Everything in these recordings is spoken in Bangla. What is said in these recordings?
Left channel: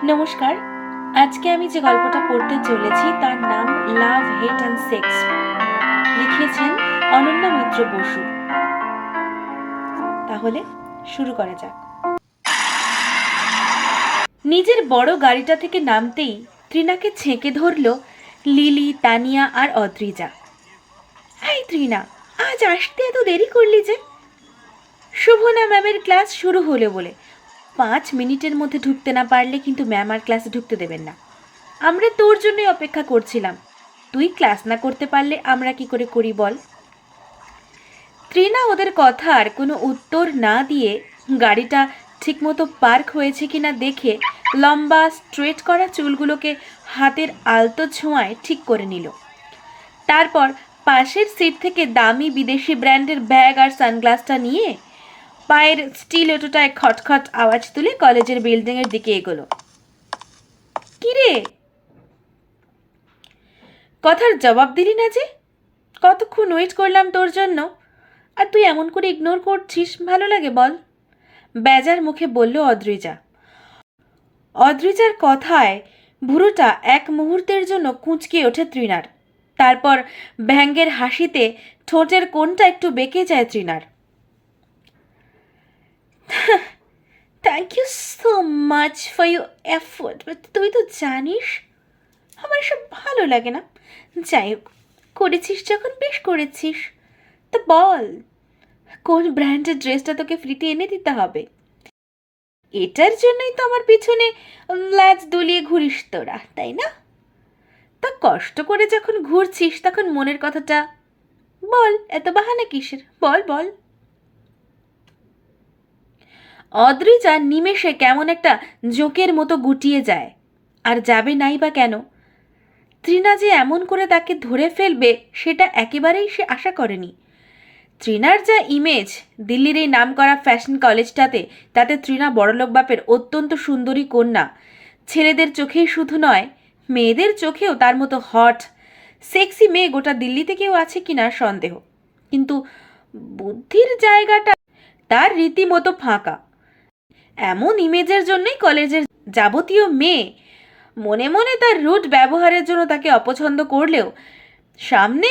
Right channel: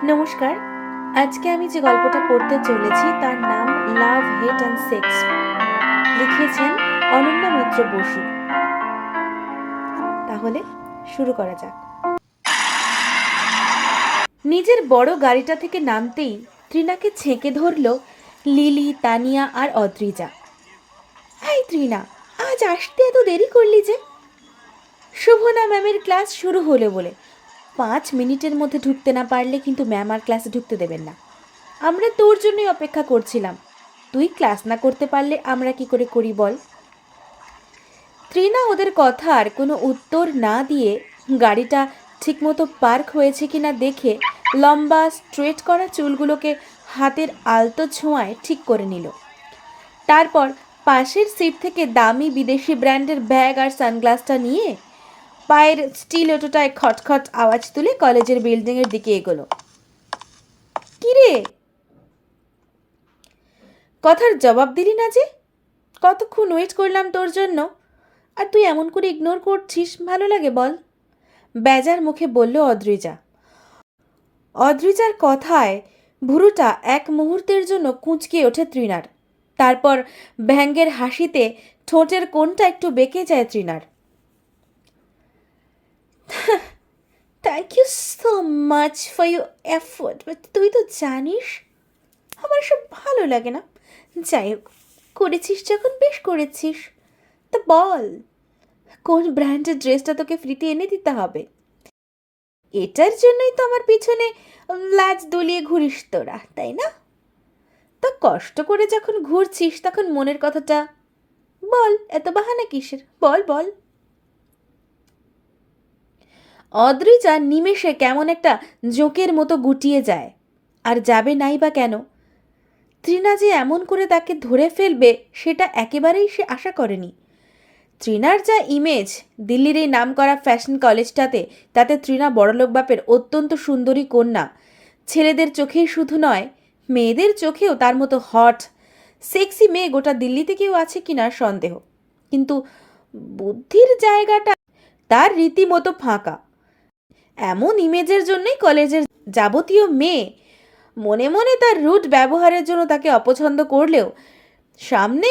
নমস্কার। আজকে আমি যে গল্পটা পড়তে চলেছি তার নাম লাভ হেট অ্যান্ড সেক্স। লিখেছেন অনন্যা মিত্র বসু। তাহলে শুরু করা যাক। নিজের বড় গাড়িটা থেকে নামতেই ত্রিনাকে ছেঁকে ধরল লিলি, তানিয়া আর অদ্রিজা। এই ত্রিনা, আজ আসতে এত দেরি করলি যে? শুভনা ম্যামের ক্লাস শুরু হলো বলে 5 মিনিটের মধ্যে ঢুকতে না পারলে কিন্তু ম্যাম আর ক্লাসে ঢুকতে দেবেন না। আমরা তোর জন্যই অপেক্ষা করছিলাম। তুই ক্লাস না করতে পারলে আমরা কি করে করি বল? ত্রিনা ওদের কথার কোনো উত্তর না দিয়ে গাড়িটা ঠিকমতো পার্ক হয়েছে কিনা দেখে লম্বা স্ট্রেট করা চুলগুলোকে হাতের আলতো ছোঁয়ায় ঠিক করে নিল। তারপর পাশের সিট থেকে দামি বিদেশি ব্র্যান্ডের ব্যাগ আর সানগ্লাসটা নিয়ে পায়ের স্টিলেটোটায় খটখট আওয়াজ তুলে কলেজের বিল্ডিংয়ের দিকে এগোলো। কিরে, কথার জবাব দিলি না যে? কতক্ষণ ওয়েট করলাম তোর জন্য, আর তুই এমন করে ইগনোর করছিস, ভালো লাগে বল? বেজার মুখে বলল অদ্রিজা। অদ্রিজার কথায় ভুরুটা এক মুহূর্তের জন্য কুঁচকে ওঠে ত্রিনার। তারপর ব্যঙ্গের হাসিতে ঠোঁটের কোণটা একটু বেঁকে যায় ত্রিনার। Thank you so much for your effort, but তুই তো জানিস আমার এসব ভালো লাগে না। যাই হোক, করেছিস যখন বেশ করেছিস। তা বল, কোন ব্র্যান্ডের ড্রেসটা তোকে ফ্রিতে এনে দিতে হবে? এটার জন্যই তো আমার পিছনে ল্যাজ দুলিয়ে ঘুরিস তোরা, তাই না? তা কষ্ট করে যখন ঘুরছিস তখন মনের কথাটা বল, এত বাহানা কিসের? বল বল। অদ্রিজা নিমেষে কেমন একটা জোঁকের মতো গুটিয়ে যায়। আর যাবে নাই বা কেন? ত্রিনা যে এমন করে তাকে ধরে ফেলবে সেটা একেবারেই সে আশা করেনি। ত্রিনার যা ইমেজ দিল্লির এই নামকরা ফ্যাশন কলেজটাতে, তাতে ত্রিনা বড়লোক বাপের অত্যন্ত সুন্দরী কন্যা। ছেলেদের চোখেই শুধু নয়, মেয়েদের চোখেও তার মতো হট সেক্সি মেয়ে গোটা দিল্লিতে কেউ আছে কিনা সন্দেহ। কিন্তু বুদ্ধির জায়গাটা তার রীতিমতো ফাঁকা। এমন ইমেজের জন্যই কলেজের যাবতীয় মেয়ে মনে মনে তার রুট ব্যবহারের জন্য তাকে অপছন্দ করলেও সামনে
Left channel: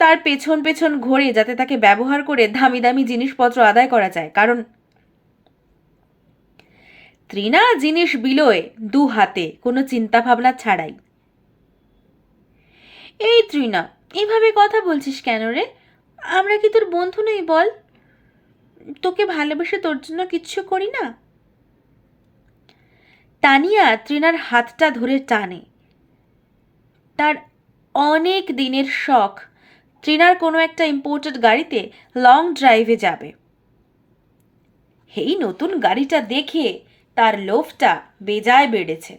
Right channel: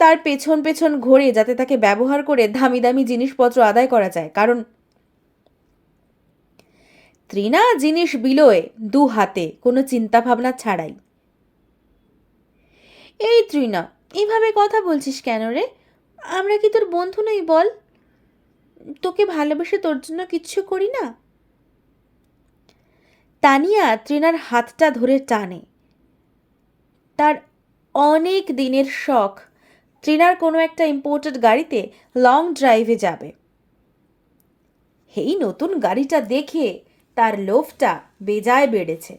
তার পেছন পেছন ঘোরে যাতে তাকে ব্যবহার করে দামি দামি জিনিসপত্র আদায় করা যায়। কারণ ত্রিনা জিনিস বিলোয় দু হাতে, কোনো চিন্তা ভাবনা ছাড়াই। এই ত্রিনা, এইভাবে কথা বলছিস কেন রে? আমরা কি তোর বন্ধু নই বল? তোকে ভালোবেসে তোর জন্য কিচ্ছু করি না? তানিয়া ত্রিনার হাতটা ধরে টানে। তার অনেক দিনের শখ ত্রিনার কোনো একটা ইম্পোর্টেড গাড়িতে লং ড্রাইভে যাবে। এই নতুন গাড়িটা দেখে তার লোভটা বেজায় বেড়েছে।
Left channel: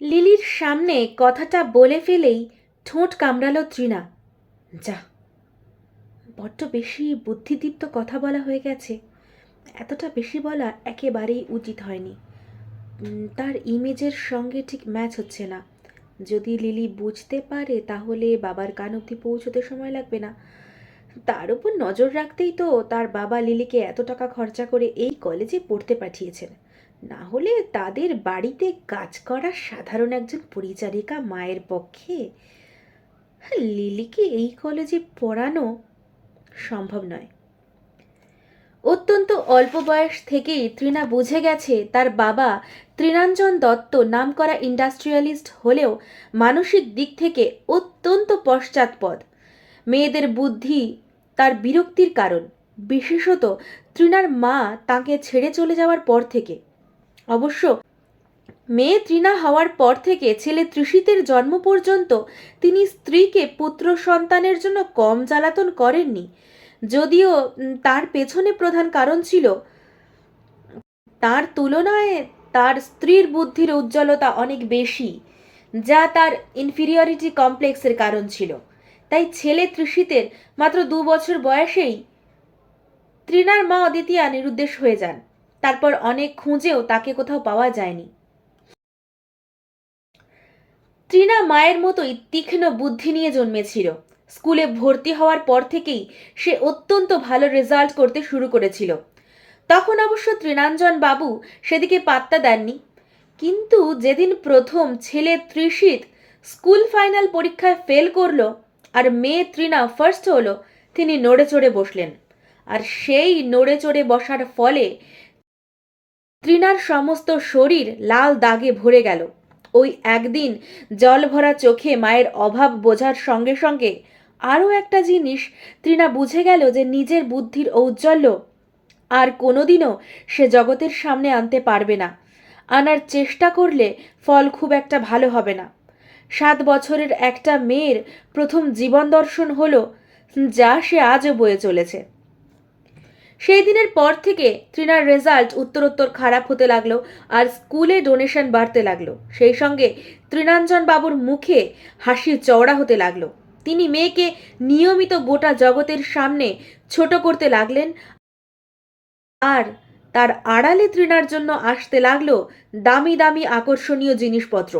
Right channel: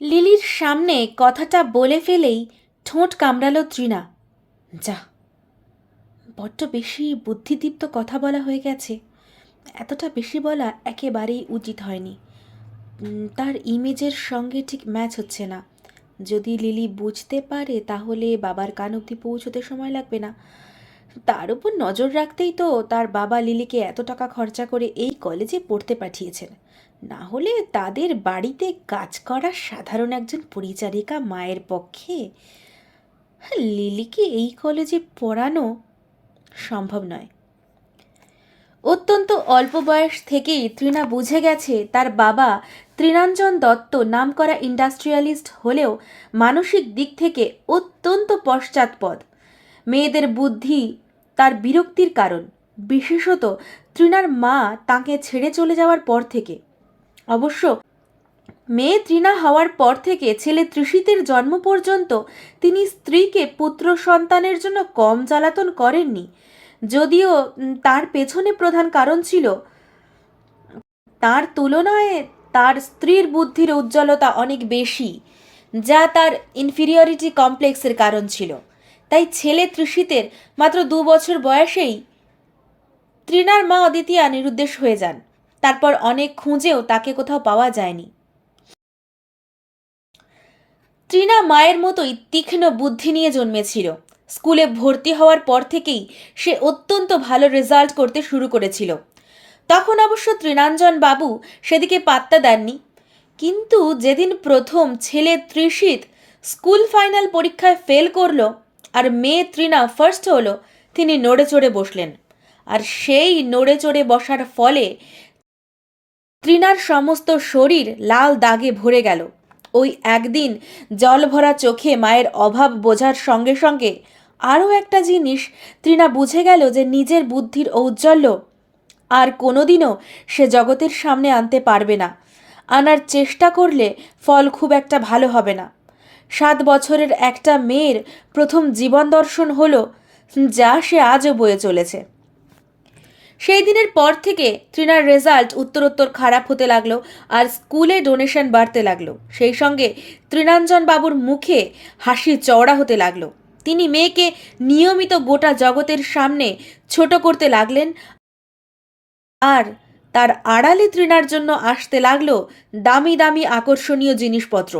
লিলির সামনে কথাটা বলে ফেলেই ঠোঁট কামড়ালো ত্রিনা। যা, বড্ড বেশি বুদ্ধিদীপ্ত কথা বলা হয়ে গেছে। এতটা বেশি বলা একেবারেই উচিত হয়নি। তার ইমেজের সঙ্গে ঠিক ম্যাচ হচ্ছে না। যদি লিলি বুঝতে পারে তাহলে বাবার কান অবধি পৌঁছতে সময় লাগবে না। তার উপর নজর রাখতেই তো তার বাবা লিলিকে এত টাকা খরচা করে এই কলেজে পড়তে পাঠিয়েছেন। না হলে তাদের বাড়িতে কাজ করা সাধারণ একজন পরিচারিকা মায়ের পক্ষে লিলিকে এই কলেজে পড়ানো সম্ভব নয়। অত্যন্ত অল্প বয়স থেকেই ত্রিনা বুঝে গেছে তার বাবা ত্রিনাঞ্জন দত্ত নামকরা ইন্ডাস্ট্রিয়ালিস্ট হলেও মানসিক দিক থেকে অত্যন্ত পশ্চাৎপদ। মেয়েদের বুদ্ধি তার বিরক্তির কারণ, বিশেষত ত্রিনার মা তাকে ছেড়ে চলে যাওয়ার পর থেকে। অবশ্য মেয়ে ত্রিনা হওয়ার পর থেকে ছেলে ত্রিষিতের জন্ম পর্যন্ত তিনি স্ত্রীকে পুত্র সন্তানের জন্য কম জ্বালাতন করেননি। যদিও তার পেছনে প্রধান কারণ ছিল তার তুলনায় তার স্ত্রীর বুদ্ধির উজ্জ্বলতা অনেক বেশি, যা তার ইনফিরিয়রিটি কমপ্লেক্সের কারণ ছিল। তাই ছেলে ত্রিষিতের মাত্র 2 বছর বয়সেই ত্রিনার মা অদিতিয়া নিরুদ্দেশ হয়ে যান। তারপর অনেক খুঁজেও তাকে কোথাও পাওয়া যায়নি। ত্রিনা মায়ের মতোই তীক্ষ্ণ বুদ্ধি নিয়ে জন্মেছিল। স্কুলে ভর্তি হওয়ার পর থেকেই সে অত্যন্ত ভালো রেজাল্ট করতে শুরু করেছিল। তখন অবশ্য তৃণাঞ্জন বাবু সেদিকে পাত্তা দেননি। কিন্তু যেদিন প্রথম ছেলে তৃষিত স্কুল ফাইনাল পরীক্ষায় ফেল করলো আর মেয়ে তৃণা ফার্স্ট হলো, তিনি নড়ে চড়ে বসলেন। আর সেই নড়ে চড়ে বসার ফলে তৃণার সমস্ত শরীর লাল দাগে ভরে গেল। ওই একদিন জল ভরা চোখে মায়ের অভাব বোঝার সঙ্গে সঙ্গে আরও একটা জিনিস তৃণা বুঝে গেল, যে নিজের বুদ্ধির ঔজ্জ্বল্য আর কোনোদিনও সে জগতের সামনে আনতে পারবে না। আনার চেষ্টা করলে ফল খুব একটা ভালো হবে না। 7 বছরের একটা মেয়ের প্রথম জীবন দর্শন হলো, যা সে আজও বয়ে চলেছে। সেই দিনের পর থেকে তৃণার রেজাল্ট উত্তরোত্তর খারাপ হতে লাগলো, আর স্কুলে ডোনেশন বাড়তে লাগলো। সেই সঙ্গে তৃণাঞ্জন বাবুর মুখে হাসি চওড়া হতে লাগলো। তিনি মেয়েকে নিয়মিত গোটা জগতের সামনে ছোট করতে লাগলেন, আর তার আড়ালে তৃণার জন্য আসতে লাগলো দামি দামি আকর্ষণীয় জিনিসপত্র।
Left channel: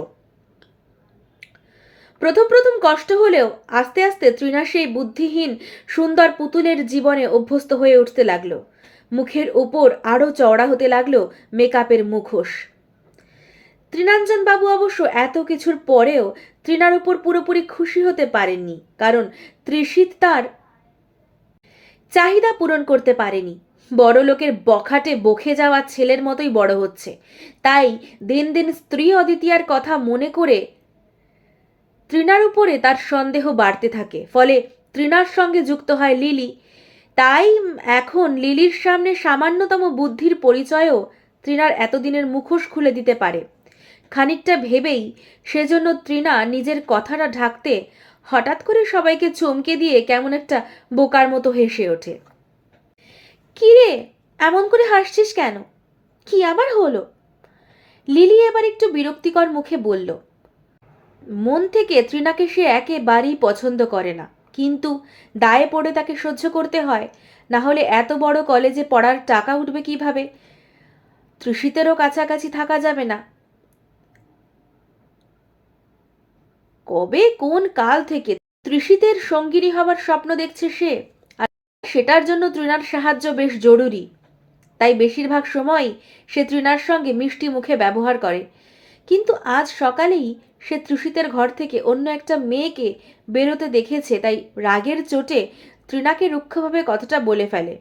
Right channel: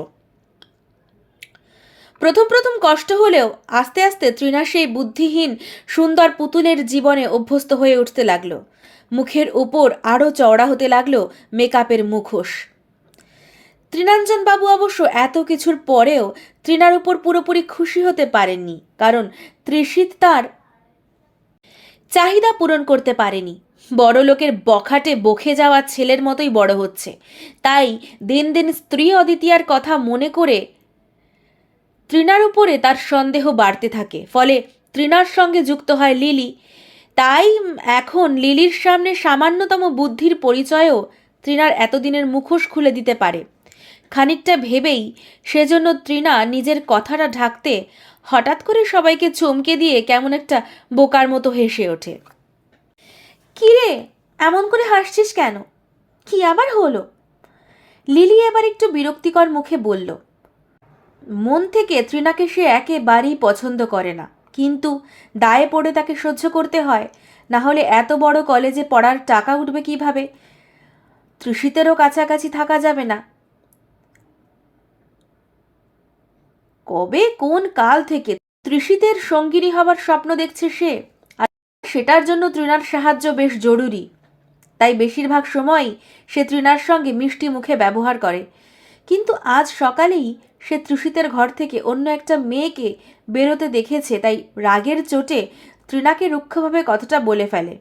প্রথম প্রথম কষ্ট হলেও আস্তে আস্তে তৃণা সেই বুদ্ধিহীন সুন্দর পুতুলের জীবনে অভ্যস্ত হয়ে উঠতে লাগলো। মুখের উপর আরও চওড়া হতে লাগলো মেকআপের মুখোশ। তৃণাঞ্জন বাবু অবশ্য এত কিছুর পরেও তৃণার উপর পুরোপুরি খুশি হতে পারেননি, কারণ তৃষিত তার চাহিদা পূরণ করতে পারেনি। বড় লোকের বখাটে বকে যাওয়া ছেলের মতোই বড় হচ্ছে। তাই দিন দিন স্ত্রী অদিতিয়ার কথা মনে করে তৃণার উপরে তার সন্দেহ বাড়তে থাকে। ফলে তৃণার সঙ্গে যুক্ত হয় লিলি। তাই এখন লিলির সামনে সামান্যতম বুদ্ধির পরিচয়ও তৃণার এতদিনের মুখোশ খুলে দিতে পারে। খানিকটা ভেবেই সেজন্য তৃণা নিজের কথাটা ঢাকতে হঠাৎ করে সবাইকে চমকে দিয়ে কেমন একটা বোকার মতো হেসে ওঠে। কি রে, এমন করে হাসছিস কেন? কি আবার হলো? লিলি এবার একটু বিরক্তিকর মুখে বলল। মন থেকে তৃণাকে সে একেবারেই পছন্দ করে না, কিন্তু দায়ে পড়ে তাকে সহ্য করতে হয়, না হলে এত বড় কলেজে পড়ার টাকা উঠবে কিভাবে? তৃষিতেরও কাছাকাছি থাকা যাবে না। কবে কোন কাল থেকে তৃষিতের সঙ্গিনী হবার স্বপ্ন দেখছে সে, আর সেটার জন্য তৃণার সাহায্য বেশ জরুরি। তাই বেশিরভাগ সময়ই সে তৃণার সঙ্গে মিষ্টি মুখে ব্যবহার করে। কিন্তু আজ সকালেই সে তৃষিতের ঘর থেকে অন্য একটা মেয়েকে বেরোতে দেখেছে, তাই রাগের চোটে তৃণাকে রুক্ষভাবে কথাটা বলে ফেলে।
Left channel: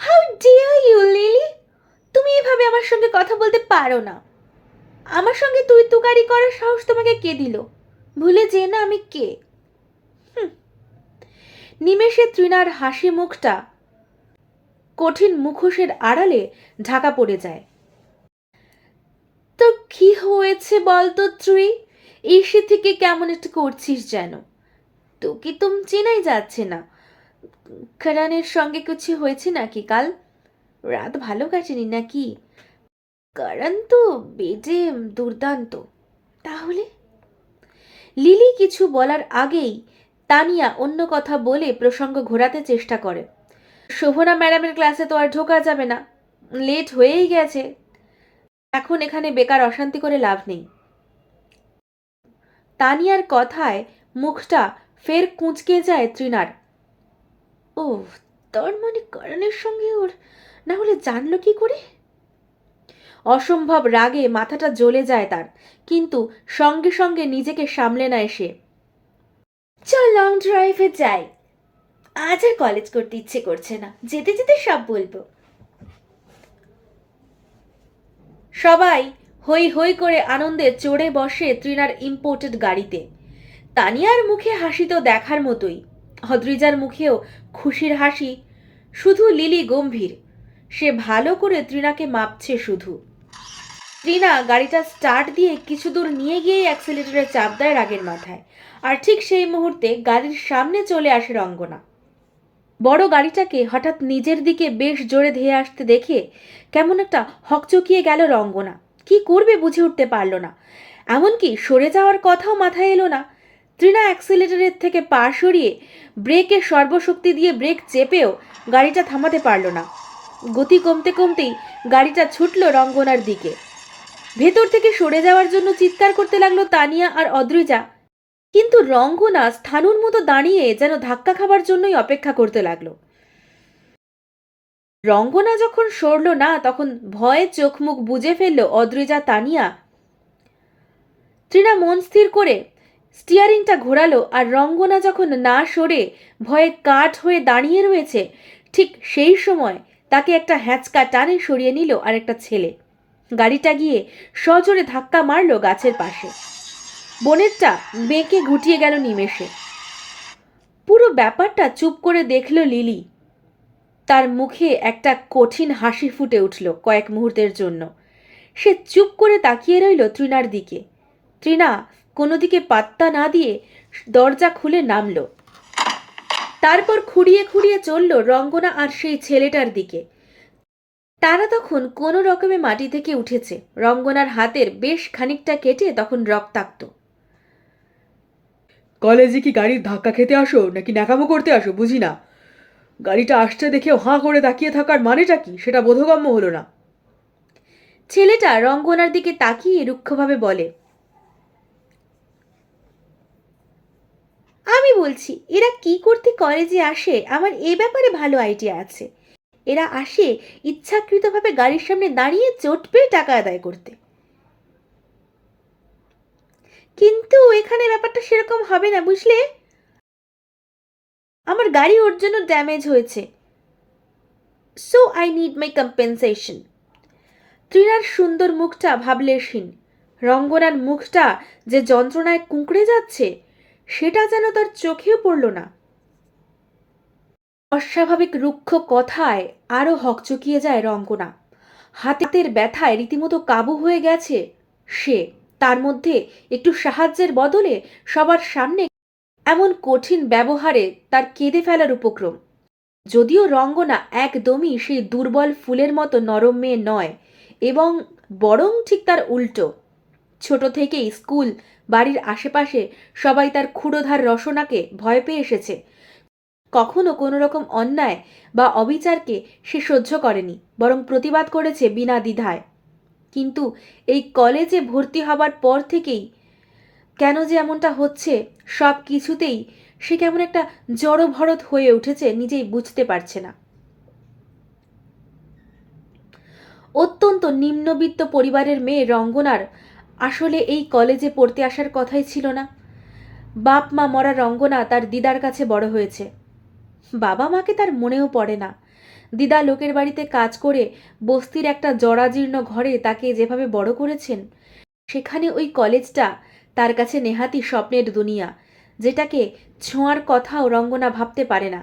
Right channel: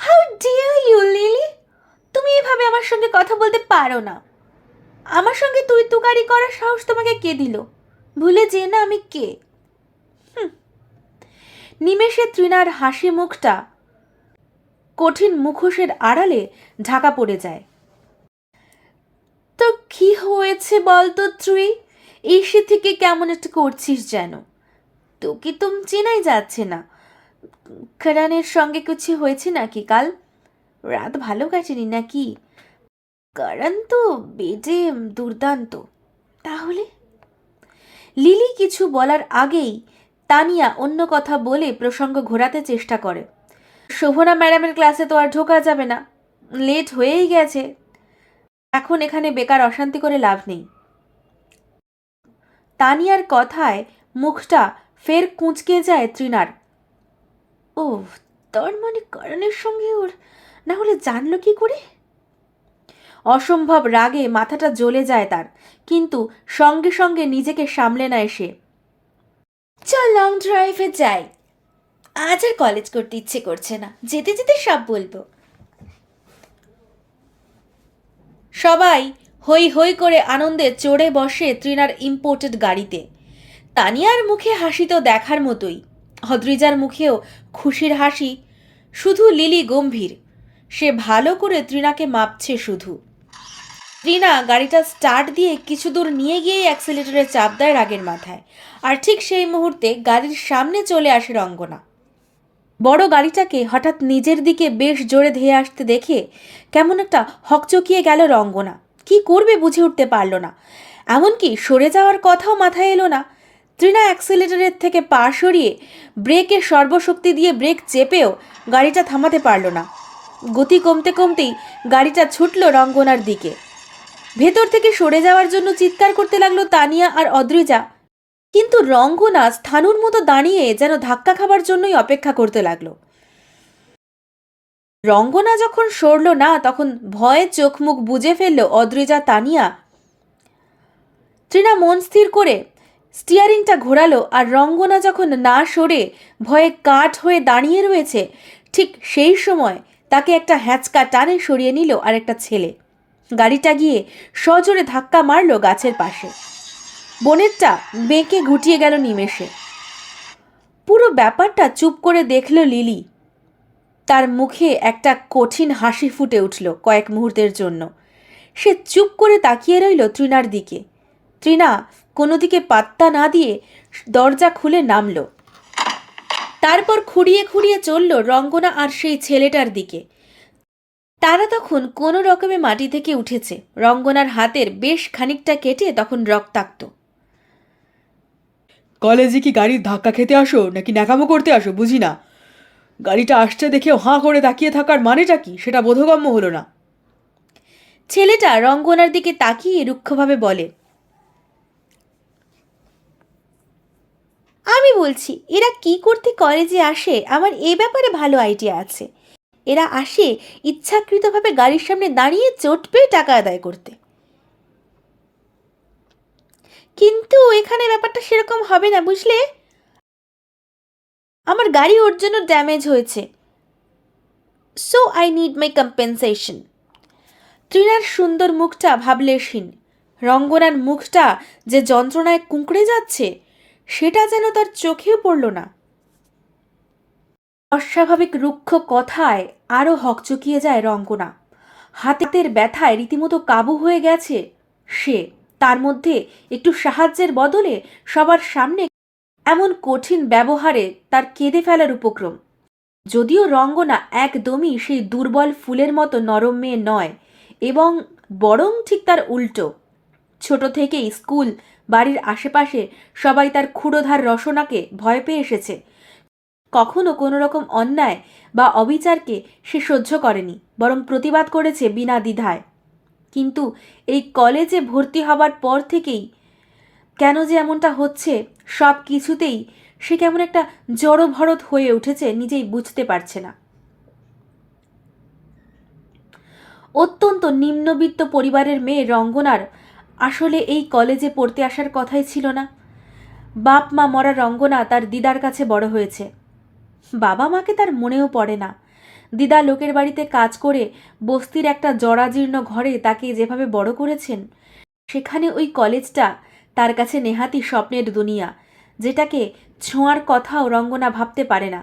হাউ ডিয়ার ইউ লিলি, তুমি এভাবে আমার সঙ্গে কথা বলতে পারো না। আমার সঙ্গে তুই তুকারি করার সাহস তোমাকে কে দিল? ভুলে যে না আমি কে। নিমেষে তৃণার হাসি মুখটা কঠিন মুখোশের আড়ালে ঢাকা পড়ে যায়। তো কি হয়েছে বলতো তুই? এসে থেকে কেমন একটা করছিস যেন। তোকে তো চেনাই যাচ্ছে না। করণের সঙ্গে কিছু হয়েছে নাকি কাল? রাত ভালো কাটেনি নাকি? করণ তো বেডে দুর্দান্ত। তাহলে? লিলি কিছু বলার আগেই তানিয়া অন্য কথা বলে প্রসঙ্গ ঘোরাতে চেষ্টা করে। শোভনা ম্যাডামের ক্লাসে তো আর ঢোকা যাবে না, লেট হয়েই গেছে। এখন এখানে বেকার অশান্তি করে লাভ নেই। তানিয়ার কথায় মুখটা ফের কুঁচকে যায় তৃণার। ও, তার মানে করণের সঙ্গে ওর, না হলে জানলো কি করে? অসম্ভব রাগে মাথাটা জ্বলে যায় তার, কিন্তু সঙ্গে সঙ্গে নিজেকে সামলে নেয় সে। চল লং ড্রাইভে যাই, আজ আর কলেজ করতে ইচ্ছে করছে না, যেতে যেতে সব বলবো। সবাই হই হই করে আনন্দে চড়ে বসে তৃণার ইম্পোর্টেড গাড়িতে। তানিয়ার মুখে হাসি তো দেখার মতোই, অদ্রিজার মুখেও খুশির হাসি। শুধু লিলি গম্ভীর, সে ভালো করে তৃণাকে মাপছে শুধু। তৃণা গাড়িটা স্টার্ট দিয়ে কিছু দূর নিয়ে গিয়েই অ্যাক্সিলেটরে চাপ দেয় রাগের মাথায়, আর ঠিক সেই মুহূর্তে গাড়ির সামনে চলে আসে রঙ্গনা। বড় গাড়িটাকে হঠাৎ নিজের দিকে বেশ জোরে ধেয়ে আসতে দেখে কেমন একটা হকচকিয়ে গেল রঙ্গনা। কি করবে বুঝে উঠতে পারল না, এমনকি সরে যাওয়ার কথাও মাথায় এলো না। তৃণা অ্যাক্সিলেটরের থেকে পা সরিয়ে ব্রেকে সর্বশক্তি দিয়ে ব্রেক চেপেও গাড়িটা থামাতে পারল না। গতি কমতে কমতেই গাড়িটা ছুটল রঙ্গনার দিকে। ভেতর থেকে সরে যাওয়ার জন্য চিৎকার করতে লাগলো তানিয়া আর অদ্রিজা, কিন্তু রঙ্গনা স্থাণুর মতো দাঁড়িয়ে যেন ধাক্কা খাবার জন্যই অপেক্ষা করতে লাগলো। রঙ্গনা যখন সরল না তখন ভয়ে চোখ মুখ বুজে ফেলল অদ্রিজা তানিয়া। তৃণা মন স্থির করে স্টিয়ারিংটা ঘোরালো, আর রঙ্গনা যখন না সরে ভয়ে কাঠ হয়ে দাঁড়িয়ে রয়েছে, ঠিক সেই সময় তাকে একটা হ্যাঁচকা টানে সরিয়ে নিল আর একটা ছেলে। গাড়িটা গিয়ে সজোরে ধাক্কা মারল গাছের পাশে। বনেটটা বেঁকে ঘুটিয়ে গেল নিমেষে। পুরো ব্যাপারটা চুপ করে দেখল লিলি। তার মুখে একটা কঠিন হাসি ফুটে উঠল কয়েক মুহূর্তের জন্য। সে চুপ করে তাকিয়ে রইল তৃণার দিকে। তৃণা কোনো দিকে পাত্তা না দিয়ে দরজা খুলে নামল। তারপর খুঁড়িয়ে খুঁড়িয়ে চলল রঙ্গনা আর সেই ছেলেটার দিকে। তারা তখন কোনো রকমে মাটি থেকে উঠেছে। রঙ্গনার হাতের বেশ খানিকটা কেটে তখন রক্তাক্ত। কলেজে কি গাড়ির ধাক্কা খেতে আসো নাকি ন্যাকামো করতে আসো বুঝি না। গাড়িটা আসছে দেখেও হাঁ করে তাকিয়ে থাকার মানেটা কি সেটা বোধগম্য হলো না। ছেলেটা রঙ্গনার দিকে তাকিয়ে রুক্ষভাবে বলে, আমি বলছি এরা কি করতে কলেজে আসে আমার এ ব্যাপারে ভালো আইডিয়া আছে। এরা আসে ইচ্ছাকৃতভাবে গাড়ির সামনে দাঁড়িয়ে চোট পেয়ে টাকা আদায় করতে। কিন্তু এখানে ব্যাপারটা সেরকম হবে না বুঝলে। আমার গাড়ি ওর জন্য ড্যামেজ হয়েছে, so I need my compensation. তৃণার সুন্দর মুখটা ভাবলেশহীন। রঙ্গনার মুখটা যে যন্ত্রণায় কুঁকড়ে যাচ্ছে সেটা যেন তার চোখেও পড়ল না। অস্বাভাবিক রুক্ষ কথায় আরও হকচকিয়ে যায় রঙ্গনা। হাতের ব্যথায় রীতিমতো কাবু হয়ে গেছে সে। তার মধ্যে একটু সাহায্যের বদলে সবার সামনে এমন কঠিন ব্যবহারে তার কেঁদে ফেলার উপক্রম। যদিও রঙ্গনা একদমই সেই দুর্বল ফুলের মতো নরম মেয়ে নয়, এবং বরং ঠিক তার উল্টো। ছোট থেকেই স্কুল, বাড়ির আশেপাশে সবাই তার ক্ষুরোধার রসনাকে ভয় পেয়ে এসেছে। কখনো কোনো রকম অন্যায় বা অবিচারকে সে সহ্য করেনি, বরং প্রতিবাদ করেছে বিনা দ্বিধায়। কিন্তু এই কলেজে ভর্তি হবার পর থেকেই কেন যে এমনটা হচ্ছে, সব কিছুতেই সে কেমন একটা জড়ভরত হয়ে উঠেছে, নিজেই বুঝতে পারছে না। অত্যন্ত নিম্নবিত্ত পরিবারের মেয়ে রঙ্গনার আসলে এই কলেজে পড়তে আসার কথাই ছিল না। বাপ মা মরা রঙ্গনা তার দিদার কাছে বড় হয়েছে। বাবা মাকে তার মনেও পড়ে না। দিদা লোকের বাড়িতে কাজ করে বস্তির একটা জরাজীর্ণ ঘরে তাকে যেভাবে বড় করেছেন, সেখানে ওই কলেজটা তার কাছে নেহাতি স্বপ্নের দুনিয়া, যেটাকে ছোঁয়ার কথাও রঙ্গনা ভাবতে পারে না।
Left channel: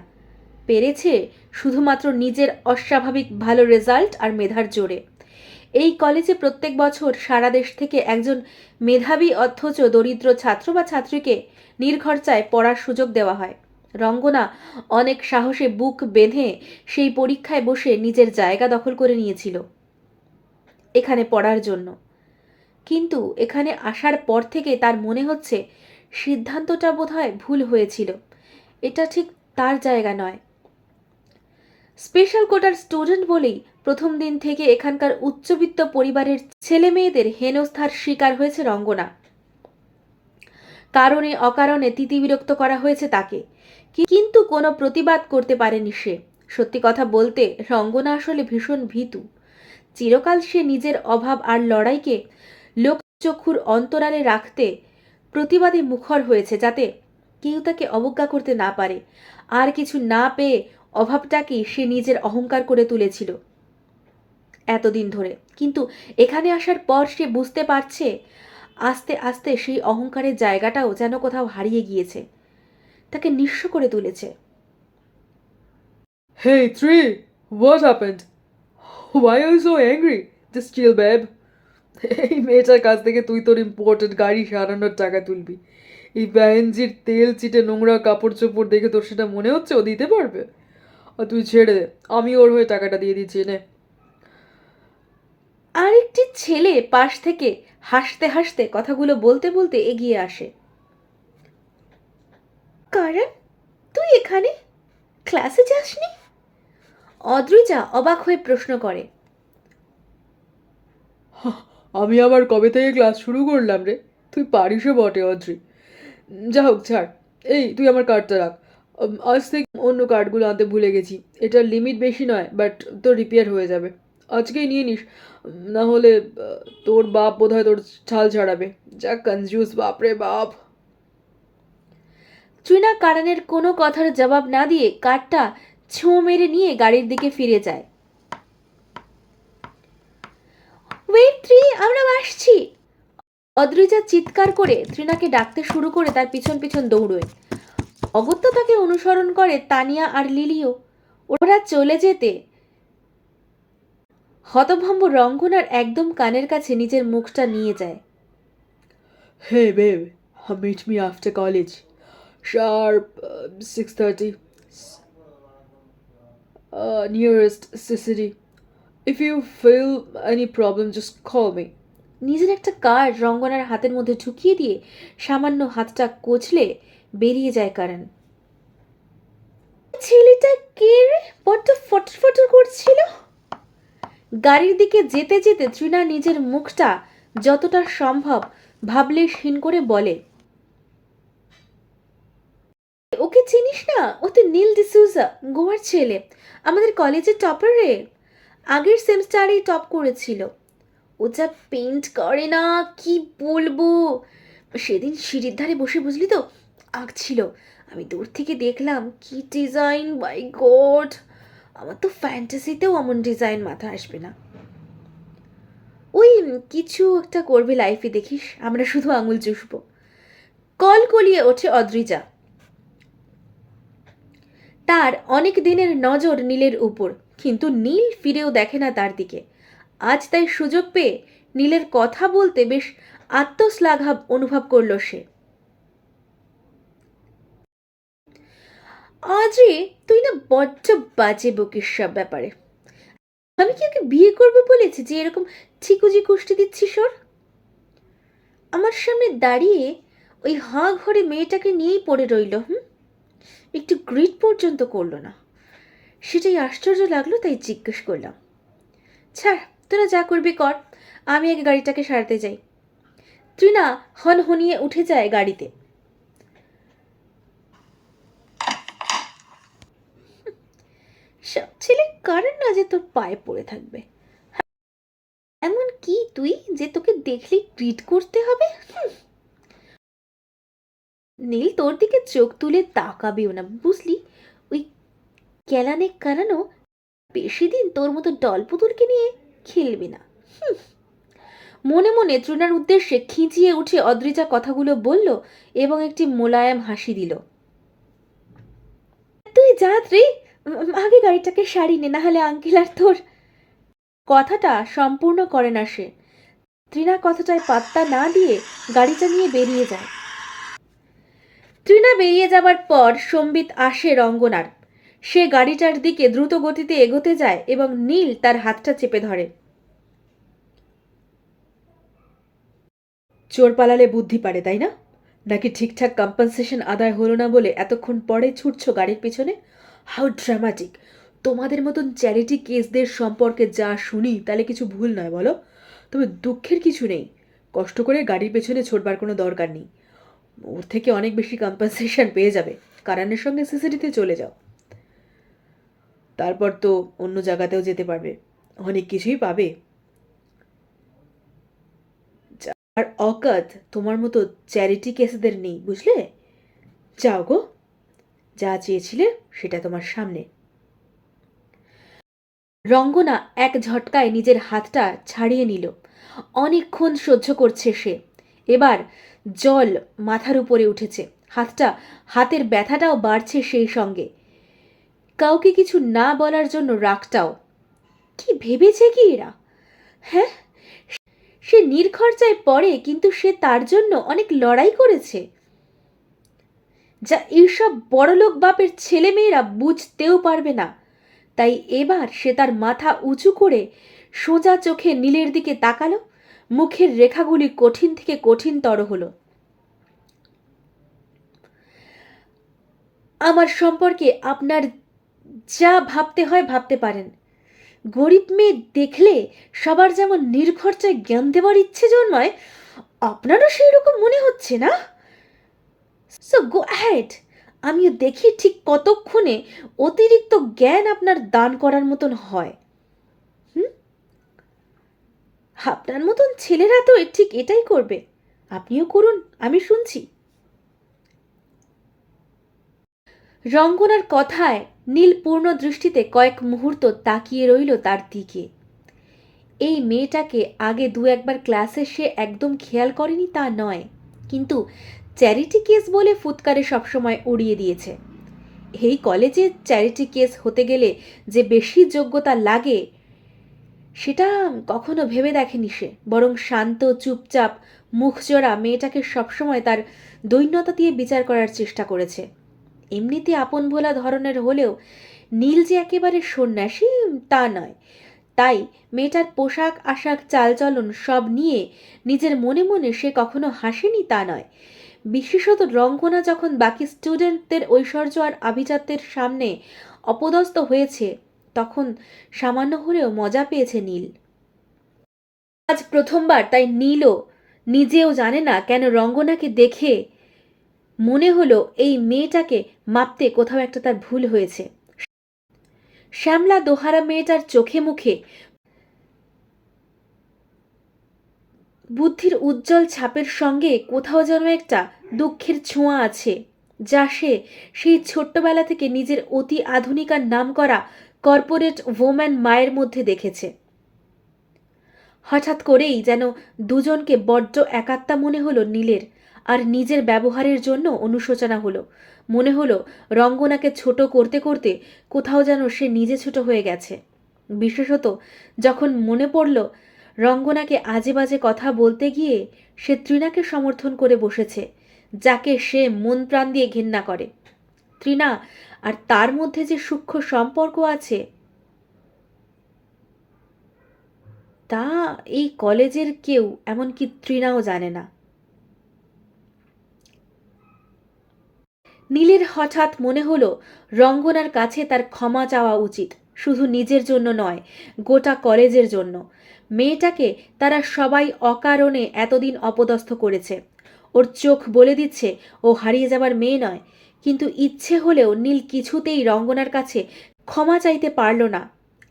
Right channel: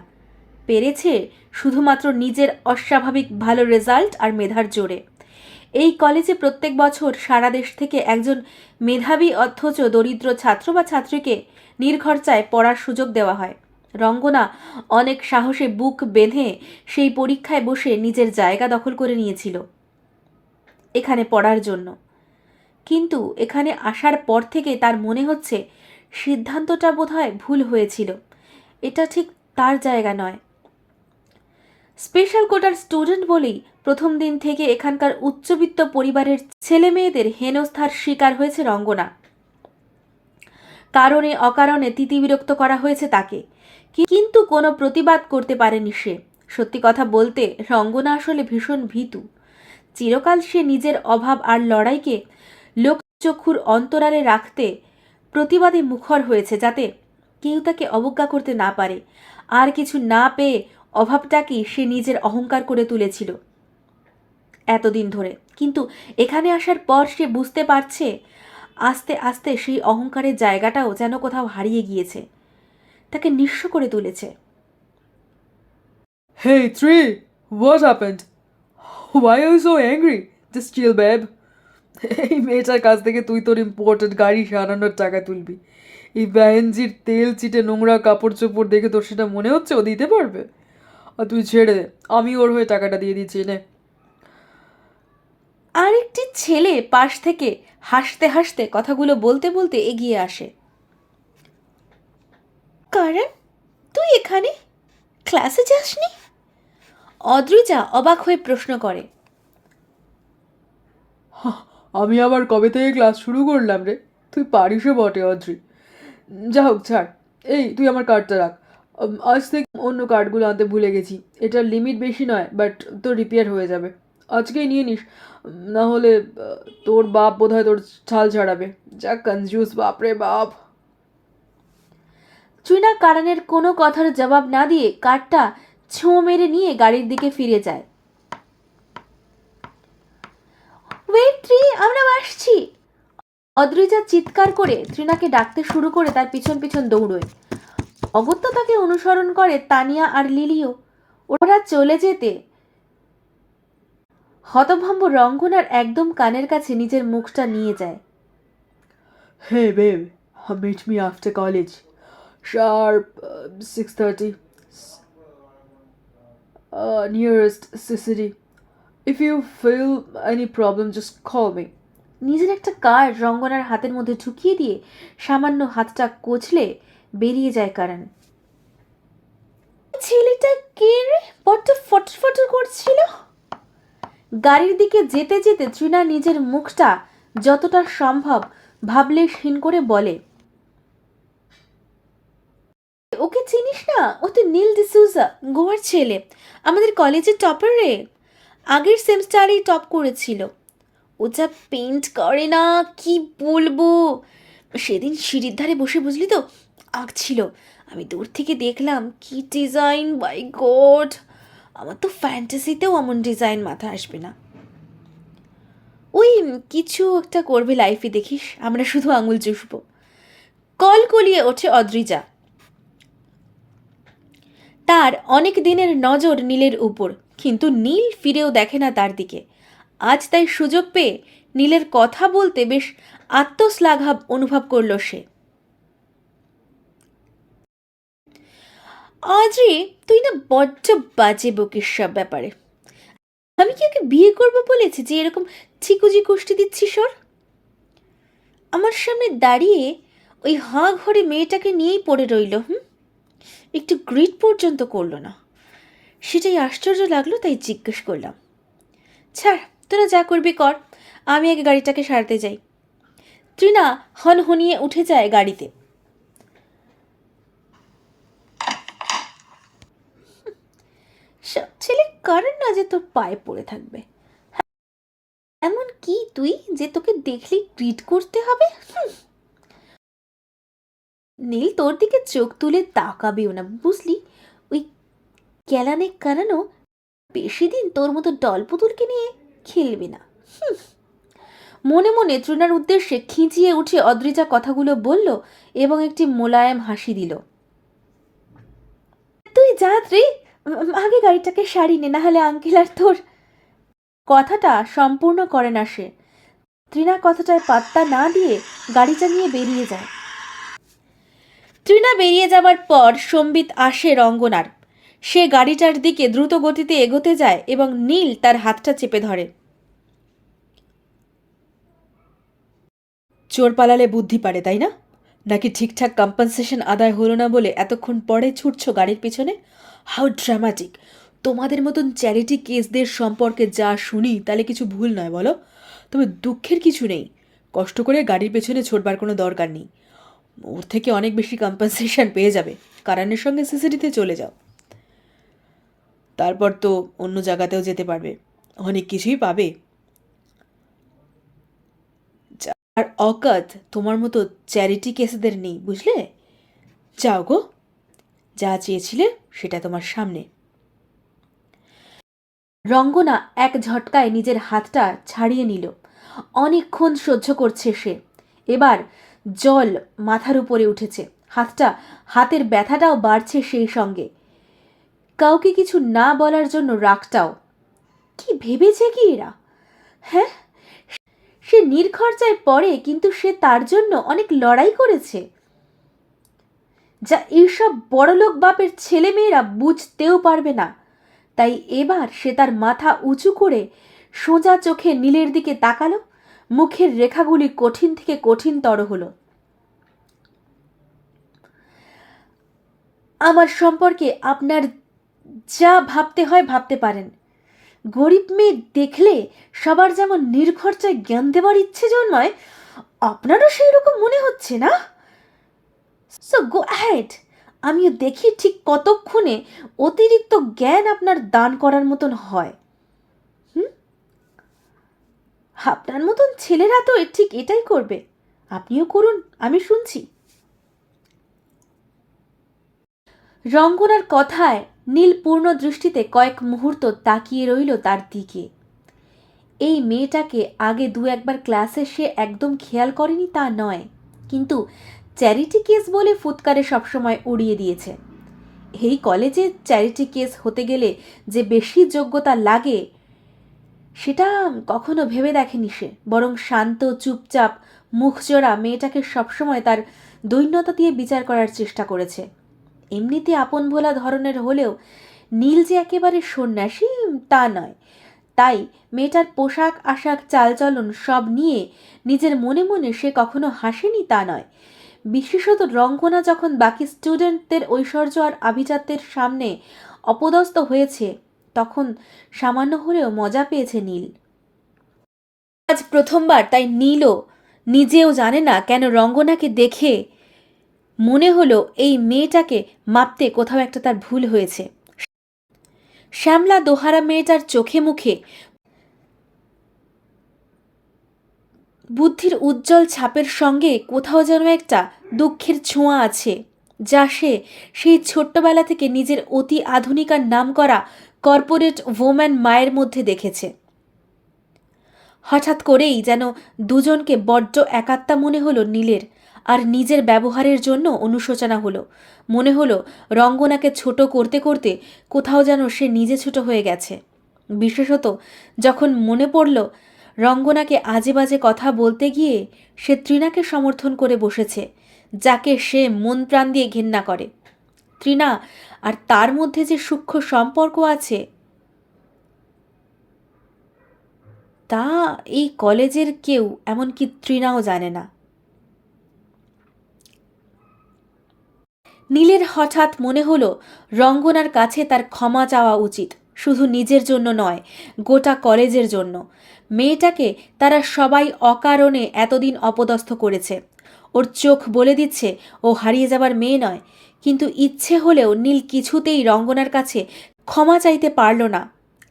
পেরেছে শুধুমাত্র নিজের অস্বাভাবিক ভালো রেজাল্ট আর মেধার জোরে। এই কলেজে প্রত্যেক বছর সারা দেশ থেকে একজন মেধাবী অথচ দরিদ্র ছাত্র বা ছাত্রীকে নির্খরচায় পড়ার সুযোগ দেওয়া হয়। রঙ্গনা অনেক সাহসে বুক বেঁধে সেই পরীক্ষায় বসে নিজের জায়গা দখল করে নিয়েছিল এখানে পড়ার জন্য। কিন্তু এখানে আসার পর থেকে তার মনে হচ্ছে সিদ্ধান্তটা বোধহয় ভুল হয়েছিল। এটা ঠিক তার জায়গা নয়। স্পেশাল কোটার স্টুডেন্ট বলেই প্রথম দিন থেকে এখানকার উচ্চবিত্ত পরিবারের ছেলে মেয়েদের হেনস্থার শিকার হয়েছে রঙ্গনা। কারণে অকারণে তিতিবিরক্ত করা হয়েছে তাকে, কিন্তু কোনো প্রতিবাদ করতে পারেনি সে। সত্যি কথা বলতে রঙ্গনা আসলে ভীষণ ভীতু। চিরকাল সে নিজের অভাব আর লড়াইকে লোকচক্ষুর অন্তরালে রাখতে প্রতিবাদে মুখর হয়েছে, যাতে কেউ তাকে অবজ্ঞা করতে না পারে। আর কিছু না পেয়ে অভাবটাকেই সে নিজের অহংকার করে তুলেছিল এতদিন ধরে। কিন্তু এখানে আসার পর সে বুঝতে পারছে আস্তে আস্তে সেই অহংকারের জায়গাটাও যেন কোথাও হারিয়ে গিয়েছে, তাকে নিঃস্ব করে তুলেছে। Hey, Tree, what happened? Why are you so angry? Just chill, babe. এই মেয়েটার কাছ থেকে তুই তোর ইম্পোর্টেড গাড়ি সারানোর টাকা তুলবি। এই ব্যাহেনজির তেল চিটে নোংরা কাপড় চোপড় দেখে তোর সেটা মনে হচ্ছে ও দিতে পারবে? আর তুই ছেড়ে দে, আমি ওর হয়ে টাকাটা দিয়ে দিচ্ছি নে। আরেকটি ছেলে পাশ থেকে হাসতে হাসতে কথাগুলো বলতে বলতে এগিয়ে আসে। কারণ তুই এখানে ক্লাসে যাসনি? অদ্রিজা অবাক হয়ে প্রশ্ন করে। আমি আবার কবে থেকে ক্লাস শুরু করলাম রে? তুই পারিসও বটে অদ্রি। যা হোক ছাড়। এই তুই আমার কার্ডটা রাখ। আজ থেকে অন্য কার্ডগুলো আনতে ভুলে গেছি। এটার লিমিট বেশি নয়, বাট তো রিপেয়ার হয়ে যাবে। আজকেই নিয়ে নিস, না হলে তোর বাপ বোধহয় তোর ছাল ছাড়াবে। যা কনজুস বাপরে বাপ। ট্রিনা কারণের কোনো কথার জবাব না দিয়ে কার্ডটা ছোঁ মেরে নিয়ে গাড়ির দিকে ফিরে যায়। ওয়েট ট্রি, আমরা আসছি। অদ্রিজা চিৎকার করে ট্রিনাকে ডাকতে শুরু করে তার পিছন পিছন দৌড়োয়। অগত্যা তাকে অনুসরণ করে তানিয়া আর লিলিও। ওরা চলে যেতে হতভম্ব রঙ্গনার একদম কানের কাছে নিজের মুখটা নিয়ে যায়। হে babe, meet me after college. Sharp 6:30. Nearest CCD. If you feel any problem, just call me. নিজের একটা কার্ড রঙ্গনার হাতের মধ্যে ঢুকিয়ে দিয়ে সামান্য হাতটা কোচলে বেরিয়ে যায় কারণ। ছেলেটা কে রে, বড্ড ফটর ফটর করছিল। গাড়ির দিকে যেতে যেতে ট্রিনা নিজের মুখটা যতটা সম্ভব ভাবলেশহীন করে বলে, ওকে চিনিস না? ও তো নীল ডিসুজা, গোয়ার ছেলে, আমাদের কলেজের টপার রে। আগের সেমিস্টারেই টপ করেছিল। ও যা পেইন্ট করে না, কি বলবো। সেদিন সিঁড়ির ধারে বসে বুঝলি তো আঁকছিল, আমি দূর থেকে দেখলাম, কি ডিজাইন, বাই গড। আমার তো ফ্যান্টাসিতেও এমন ডিজাইন মাথা আসবে না। ওই কিছু একটা করবে লাইফে দেখিস, আমরা শুধু আঙুল চুষবো। কল কলিয়ে ওঠে অদ্রিজা। তার অনেক দিনের নজর নীলের উপর, কিন্তু নীল ফিরেও দেখে না তার দিকে। আজ তাই সুযোগ পেয়ে নীলের কথা বলতে বেশ আত্মশ্লাঘব অনুভব করল সে। আজরে, তুই না বড্ড বাজে বকিস সব ব্যাপারে। আমি কি ওকে বিয়ে করবো বলেছি যে এরকম চিকুজি কুষ্টি দিচ্ছিস ওর? আমার সামনে দাঁড়িয়ে ওই হাঁ ঘরে মেয়েটাকে নিয়েই পড়ে রইল। একটু গ্রিট পর্যন্ত করলো না। সেটাই আশ্চর্য লাগলো, তাই জিজ্ঞেস করলাম। ছাড়, তোরা যা করবি কর, আমি আগে গাড়িটাকে সারতে যাই। ট্রিনা হনহনিয়ে উঠে যায় গাড়িতে। সব ছেলে কারণ না যে তোর পায়ে পড়ে থাকবে। এমন কি তুই যে তোকে দেখলেই গ্রিট করতে হবে? নীল তোর দিকে চোখ তুলে তাকাবেও না, বুঝলি? ওই ক্যালানে কারানো বেশি দিন তোর মতো ডল পুতুলকে নিয়ে খেলবে না। মনে মনে ট্রিনার উদ্দেশ্যে খিঁচিয়ে উঠে অদ্রিজা কথাগুলো বলল এবং একটি মোলায়েম হাসি দিল। তুই যা রে, আগে গাড়িটাকে সারি নে, না হলে আঙ্কেল আর তোর। কথাটা সম্পূর্ণ করে না সে। ট্রিনা কথাটায় পাত্তা না দিয়ে গাড়িটা নিয়ে বেরিয়ে যায়। ট্রিনা বেরিয়ে যাবার পর সম্বিত আসে রঙ্গনার। সে গাড়িটার দিকে দ্রুত গতিতে এগোতে যায় এবং নীল তার হাতটা চেপে ধরে। চোর পালালে বুদ্ধি পারে, তাই না? নাকি ঠিকঠাক কম্পেনসেশন আদায় হলো না বলে এতক্ষণ পরে ছুটছো গাড়ির পেছনে? How dramatic! তোমাদের মতন চ্যারিটি কেসদের সম্পর্কে যা শুনি তাহলে কিছু ভুল নয় বলো। তবে দুঃখের কিছু নেই, কষ্ট করে গাড়ির পেছনে ছোটবার কোনো দরকার নেই। ওর থেকে অনেক বেশি কম্পেনসেশন পেয়ে যাবে। কারণের সঙ্গে সিসিডিতে চলে যাও, তারপর তো অন্য জায়গাতেও যেতে পারবে, অনেক কিছুই পাবে। আর অকাত তোমার মতো চ্যারিটি কেসেদের নেই, বুঝলে? যাও গো, যা চেয়েছিলে সেটা তোমার সামনে। রঙ্গনা এক ঝটকায় নিজের হাতটা ছাড়িয়ে নিল। অনেকক্ষণ সহ্য করছে সে। এবার জল মাথার উপরে উঠেছে, হাতের ব্যথাটাও বাড়ছে সেই সঙ্গে। কাউকে কিছু না বলার জন্য রাগটাও। কি ভেবেছে কি এরা? হ্যাঁ, সে নির্খরচায় পড়ে, কিন্তু সে তার জন্য অনেক লড়াই করেছে, যা এইসব বড়লোক বাপের ছেলেমেয়েরা বুঝতেও পারবে না। তাই এবার সে তার মাথা উঁচু করে সোজা চোখে নীলের দিকে তাকালো। মুখের রেখাগুলি কঠিন থেকে কঠিনতর হলো। আমার সম্পর্কে আপনার যা ভাবতে হয় ভাবতে পারেন। গরিব মেয়ে দেখলে সবার যেমন নির্খরচায় জ্ঞান দেওয়ার ইচ্ছে জন্মায়, আপনারও সেই রকম মনে হচ্ছে না? সো গো অ্যাহেড, আমিও দেখি ঠিক কতক্ষণে অতিরিক্ত জ্ঞান আপনার দান করার মতন হয়। আপনার মতন ছেলেরা তো ঠিক এটাই করবে। আপনিও করুন, আমি শুনছি। রঙ্গনার কথায় নীল পূর্ণ দৃষ্টিতে কয়েক মুহূর্ত তাকিয়ে রইল তার দিকে। এই মেয়েটাকে আগে দু একবার ক্লাসে সে একদম খেয়াল করেনি তা নয়, কিন্তু চ্যারিটি কেস বলে ফুৎকারে সবসময় উড়িয়ে দিয়েছে। এই কলেজে চ্যারিটি কেস হতে গেলে যে বেশি যোগ্যতা লাগে সেটা কখনো ভেবে দেখেনি সে, বরং শান্ত চুপচাপ মুখজোড়া মেয়েটাকে সবসময় তার দৈন্যতা দিয়ে বিচার করার চেষ্টা করেছে। এমনিতে আপন ভোলা ধরনের হলেও নীল যে একেবারে সন্ন্যাসী তা নয়। তাই মেয়েটার পোশাক আশাক চালচলন সব নিয়ে নিজের মনে মনে সে কখনো হাসেনি তা নয়। বিশেষত রঙ্গনা যখন বাকি স্টুডেন্টদের ঐশ্বর্য আর আভিজাত্যের সামনে অপদস্থ হয়েছে তখন সামান্য হলেও মজা পেয়েছে নীল। আজ প্রথমবার, তাই নীলও নিজেও জানে না কেন রঙ্গনাকে দেখে মনে হলো এই মেয়েটাকে মাপতে কোথাও একটা তার ভুল হয়েছে। শ্যামলা দোহারা মেয়েটার চোখে মুখে বুদ্ধির উজ্জ্বল ছাপের সঙ্গে কোথাও যেন একটা দুঃখের ছোঁয়া আছে, যা সে সেই ছোট্টবেলা থেকে নিজের অতি আধুনিক আর নামকরা কর্পোরেট ওম্যান মায়ের মধ্যে দেখেছে। হঠাৎ করেই যেন দুজনকে বড্ড একাত্তা মনে হলো নীলের, আর নিজের ব্যবহারের জন্য অনুশোচনা হলো। মনে হলো রঙ্গনাকে ছোট করতে করতে কোথাও যেন সে নিজে ছোট হয়ে গেছে। বিশেষত যখন মনে পড়ল রঙ্গনাকে আজে বাজে কথা বলতে গিয়ে সে তৃণাকে সমর্থন করে বসেছে, যাকে সে মন প্রাণ দিয়ে ঘেন্না করে। তৃণা আর তার মধ্যে যে সূক্ষ্ম সম্পর্ক আছে তা এই কলেজের কেউ, এমনকি তৃণাও জানে না। নীলের হঠাৎ মনে হলো রঙ্গনার কাছে তার ক্ষমা চাওয়া উচিত, শুধু নিজের জন্য নয়, গোটা কলেজের জন্য। মেয়েটাকে তারা সবাই অকারণে এতদিন অপদস্থ করেছে। ওর চোখ বলে দিচ্ছে ও হারিয়ে যাবার মেয়ে নয়, কিন্তু ইচ্ছে হলেও নীল কিছুতেই রঙ্গনার কাছে ক্ষমা চাইতে পারল না।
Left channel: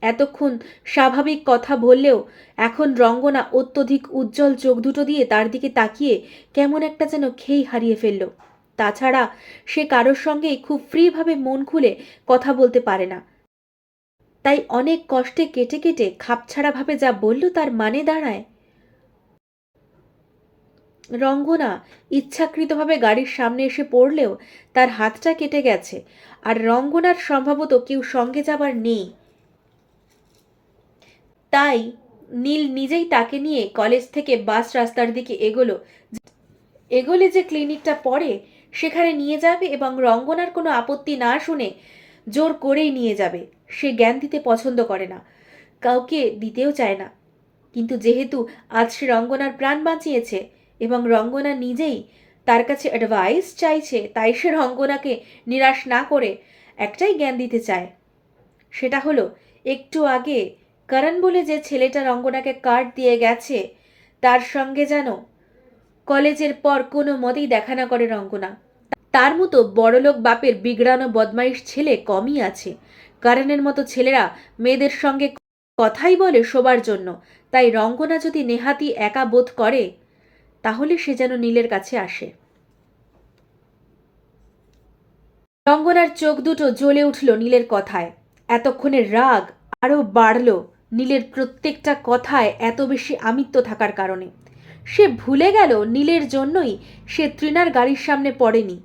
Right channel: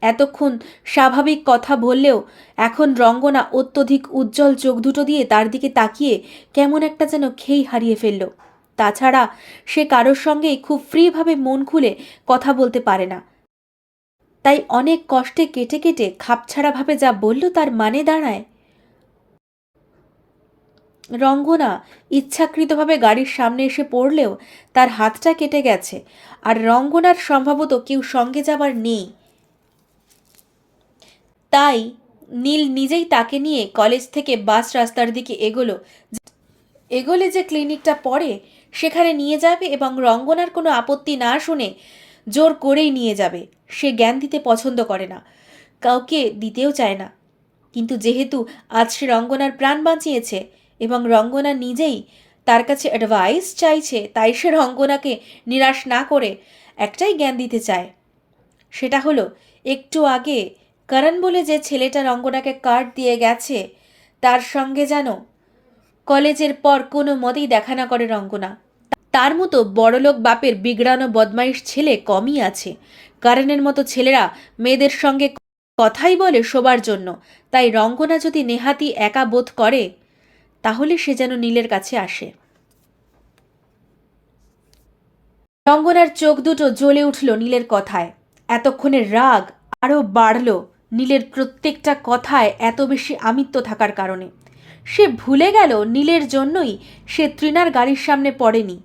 এতক্ষণ স্বাভাবিক কথা বললেও এখন রঙ্গনা অত্যধিক উজ্জ্বল চোখ দুটো দিয়ে তার দিকে তাকিয়ে কেমন একটা যেন খেই হারিয়ে ফেলল। তাছাড়া সে কারোর সঙ্গেই খুব ফ্রিভাবে মন খুলে কথা বলতে পারে না, তাই অনেক কষ্টে কেটে কেটে খাপছাড়াভাবে যা বলল তার মানে দাঁড়ায়, রঙ্গনা ইচ্ছাকৃতভাবে গাড়ির সামনে এসে পড়লেও তার হাতটা কেটে গেছে, আর রঙ্গনার সম্ভবত কেউ সঙ্গে যাবার নেই। তাই নীল নিজেই তাকে নিয়ে কলেজ থেকে বাস রাস্তার দিকে এগোলে যে ক্লিনিকটা পড়ে সেখানে নিয়ে যাবে এবং রঙ্গনার কোনো আপত্তি না শুনে জোর করেই নিয়ে যাবে। সে জ্ঞান দিতে পছন্দ করে না, কাউকে দিতেও চায় না, কিন্তু যেহেতু আজ সে রঙ্গনার প্রাণ বাঁচিয়েছে এবং রঙ্গনা নিজেই তার কাছে অ্যাডভাইস চাইছে, তাই সে রঙ্গনাকে নিরাশ না করে একটাই জ্ঞান দিতে চায়। সেটা হলো, একটু আগে করণ বলে যে ছেলেটা রঙ্গনাকে কার্ড দিয়ে গেছে তার সঙ্গে যেন কলেজের পর কোনো মতেই দেখা না করে রঙ্গনা। তার মতো বড়লোক বাপের বিগড়ানো বদমাইশ ছেলে কমই আছে। করণের মতো ছেলেরা মেয়েদের সঙ্গে কথাই বলে শোবার জন্য, তাই রঙ্গনা যদি নেহাতি একা বোধ করে তাহলে সে যেন নীলের কাছে আসে। রঙ্গনার চোখ দুটো জ্বলে উঠল নীলের কথায়। এতক্ষণের রাগ আরও বাড়ল নীলের প্রত্যেকটা কথায় এত বেশি আমিত্ব থাকার কারণে। সে ভুলে গেল নীলের জন্যই সে তৃণার গাড়ির সামনে পড়েনি।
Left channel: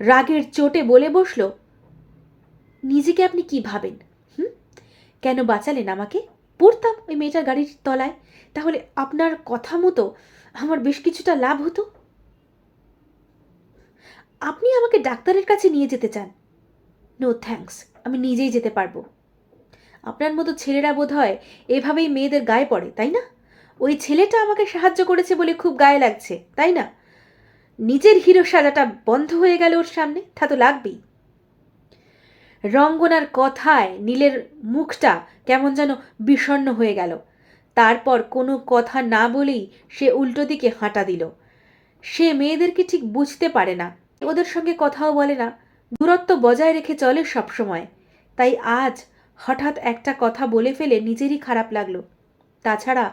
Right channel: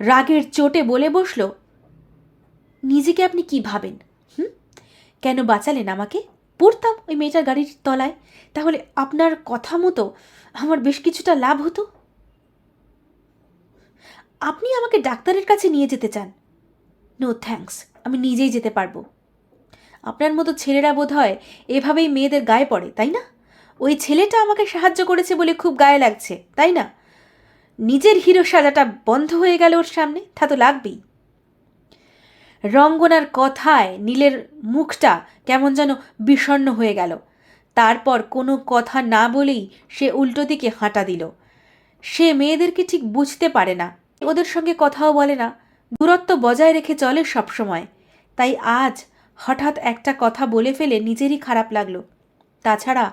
রাগের চোটে বলে বসল, নিজেকে আপনি কি ভাবেন? কেন বাঁচালেন আমাকে? পড়তাম ওই মেয়েটার গাড়ির তলায়, তাহলে আপনার কথা মতো আমার বেশ কিছুটা লাভ হতো। আপনি আমাকে ডাক্তারের কাছে নিয়ে যেতে চান? নো থ্যাঙ্কস, আমি নিজেই যেতে পারবো। আপনার মতো ছেলেরা বোধ হয় এভাবেই মেয়েদের গায়ে পড়ে, তাই না? ওই ছেলেটা আমাকে সাহায্য করেছে বলে খুব গায়ে লাগছে, তাই না? নিজের হিরো শালাটা বন্ধ হয়ে গেল ওর সামনে, তা তো লাগবেই। রঙ্গনার কথায় নীলের মুখটা কেমন যেন বিষণ্ণ হয়ে গেল। তারপর কোনো কথা না বলেই সে উল্টো দিকে হাঁটা দিল। সে মেয়েদেরকে ঠিক বুঝতে পারে না, ওদের সঙ্গে কথাও বলে না, দূরত্ব বজায় রেখে চলে সবসময়। তাই আজ হঠাৎ একটা কথা বলে ফেলে নিজেরই খারাপ লাগলো। তাছাড়া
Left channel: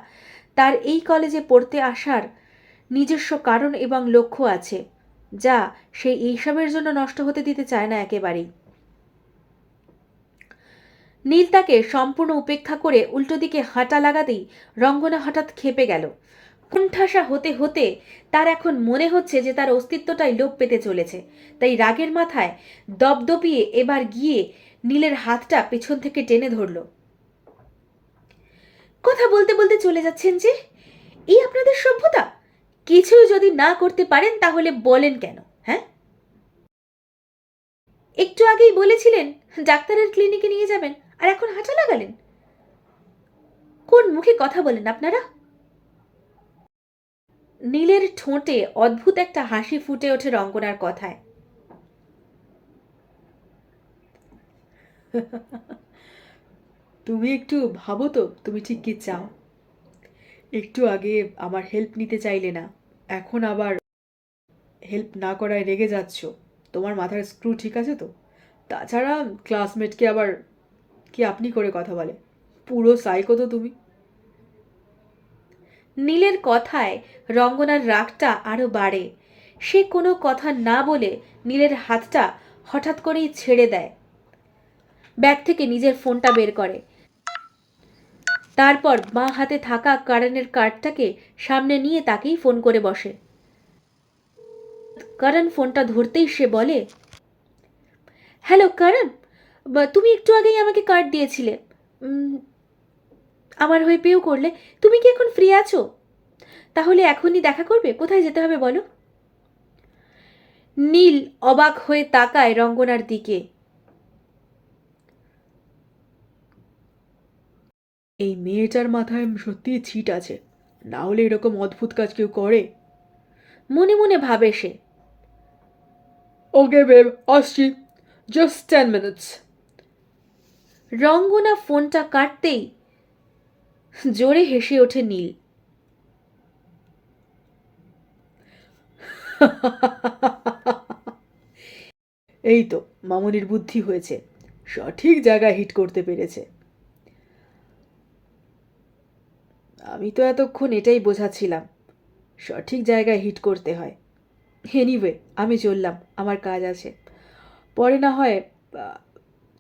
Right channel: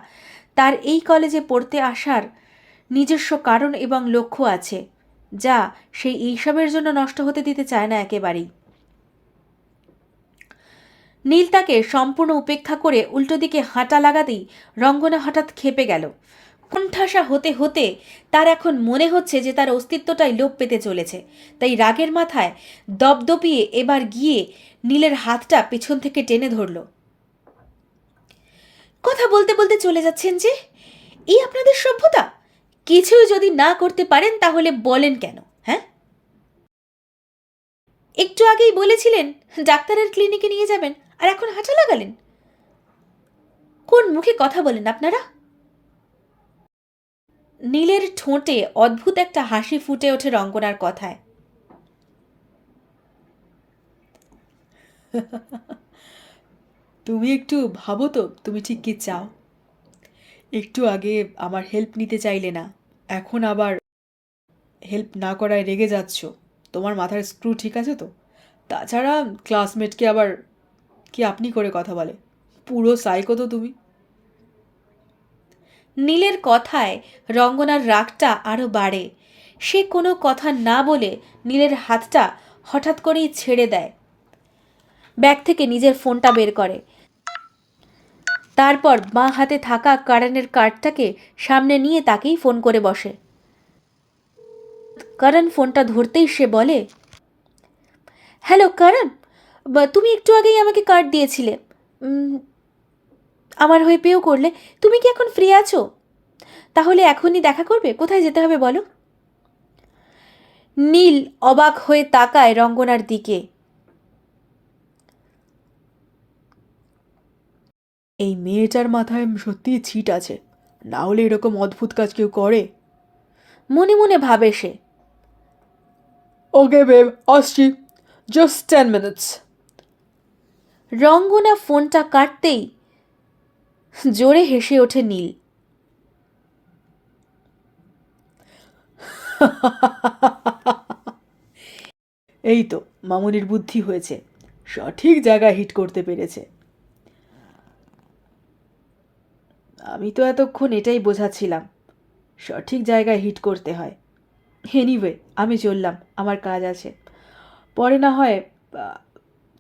তার এই কলেজে পড়তে আসার নিজস্ব কারণ এবং লক্ষ্য আছে, যা সে এইসবের জন্য নষ্ট হতে দিতে চায় না একেবারেই। নীল তাকে সম্পূর্ণ উপেক্ষা করে উল্টো দিকে হাঁটা লাগাতেই রঙ্গনা হঠাৎ ক্ষেপে গেল। কুণ্ঠাসা হতে হতে তার এখন মনে হচ্ছে যে তার অস্তিত্বটাই লোপ পেতে চলেছে। তাই রাগের মাথায় দপদপিয়ে এবার গিয়ে নীলের হাতটা পেছন থেকে টেনে ধরল। কথা বলতে বলতে চলে যাচ্ছেন যে? এই আপনাদের সভ্যতা? কিছুই যদি না করতে পারেন তাহলে বলেন কেন? হ্যাঁ, একটু আগেই বলেছিলেন ডাক্তারের ক্লিনিকে নিয়ে যাবেন, আর এখন হাঁটা লাগালেন। কোন মুখে কথা বলেন আপনারা? নীলের ঠোঁটে অদ্ভুত একটা হাসি ফুটে ওঠে রঙ্গনার কথায়। তুমি একটু ভাবো তো তুমি ঠিক কি চাও। একটু আগে আমার হেল্প নিতে চাইলে না, এখন আবার হেল্প না করায় রেগে যাচ্ছ। তোমার মাথার স্ক্রু ঠিক আছে তো? তাছাড়া ক্লাসমেটকে আবার কি আপনি করে কথা বলে? পুরো সাইকো তো তুমি। নীলের কথায় রঙ্গনার রাগটা আরো বাড়ে। সে কোনো কথা না বলে নীলের হাতটা হঠাৎ করেই ছেড়ে দেয়। ব্যাগ থেকে নিজের ফোনটা বের করে, তারপর বাঁ হাতে থাকা করণের কার্ডটাকে সামনে নিয়ে তাকেই ফোন করে বসে। করণ ফোনটা ধরতেই সে বলে, হ্যালো করণ, তুমি একটু আগেই আমাকে কার্ড দিয়েছিলে, আমার হয়ে পেও করলে। তুমি কি এখন ফ্রি আছো? তাহলে এখনই দেখা করবে? কোথায় যেতে হবে বলো? নীল অবাক হয়ে তাকায় রঙ্গনার দিকে। এই মেয়েটার মাথায় সত্যিই ছিট আছে, না হলে এরকম অদ্ভুত কাজ কেউ করে? মনে মনে ভাবে সে। ওকে বেব, আসছি, জাস্ট 10 মিনিটস। রঙ্গনা ফোনটা কাটতেই জোরে হেসে ওঠে নীল। এই তো মামুনির বুদ্ধি হয়েছে, সঠিক জায়গায় হিট করতে পেরেছে। আমি তো এতক্ষণ এটাই বোঝাচ্ছিলাম, সঠিক জায়গায় হিট করতে হয়। এনিওয়ে, আমি চললাম, আমার কাজ আছে। পরে না হয়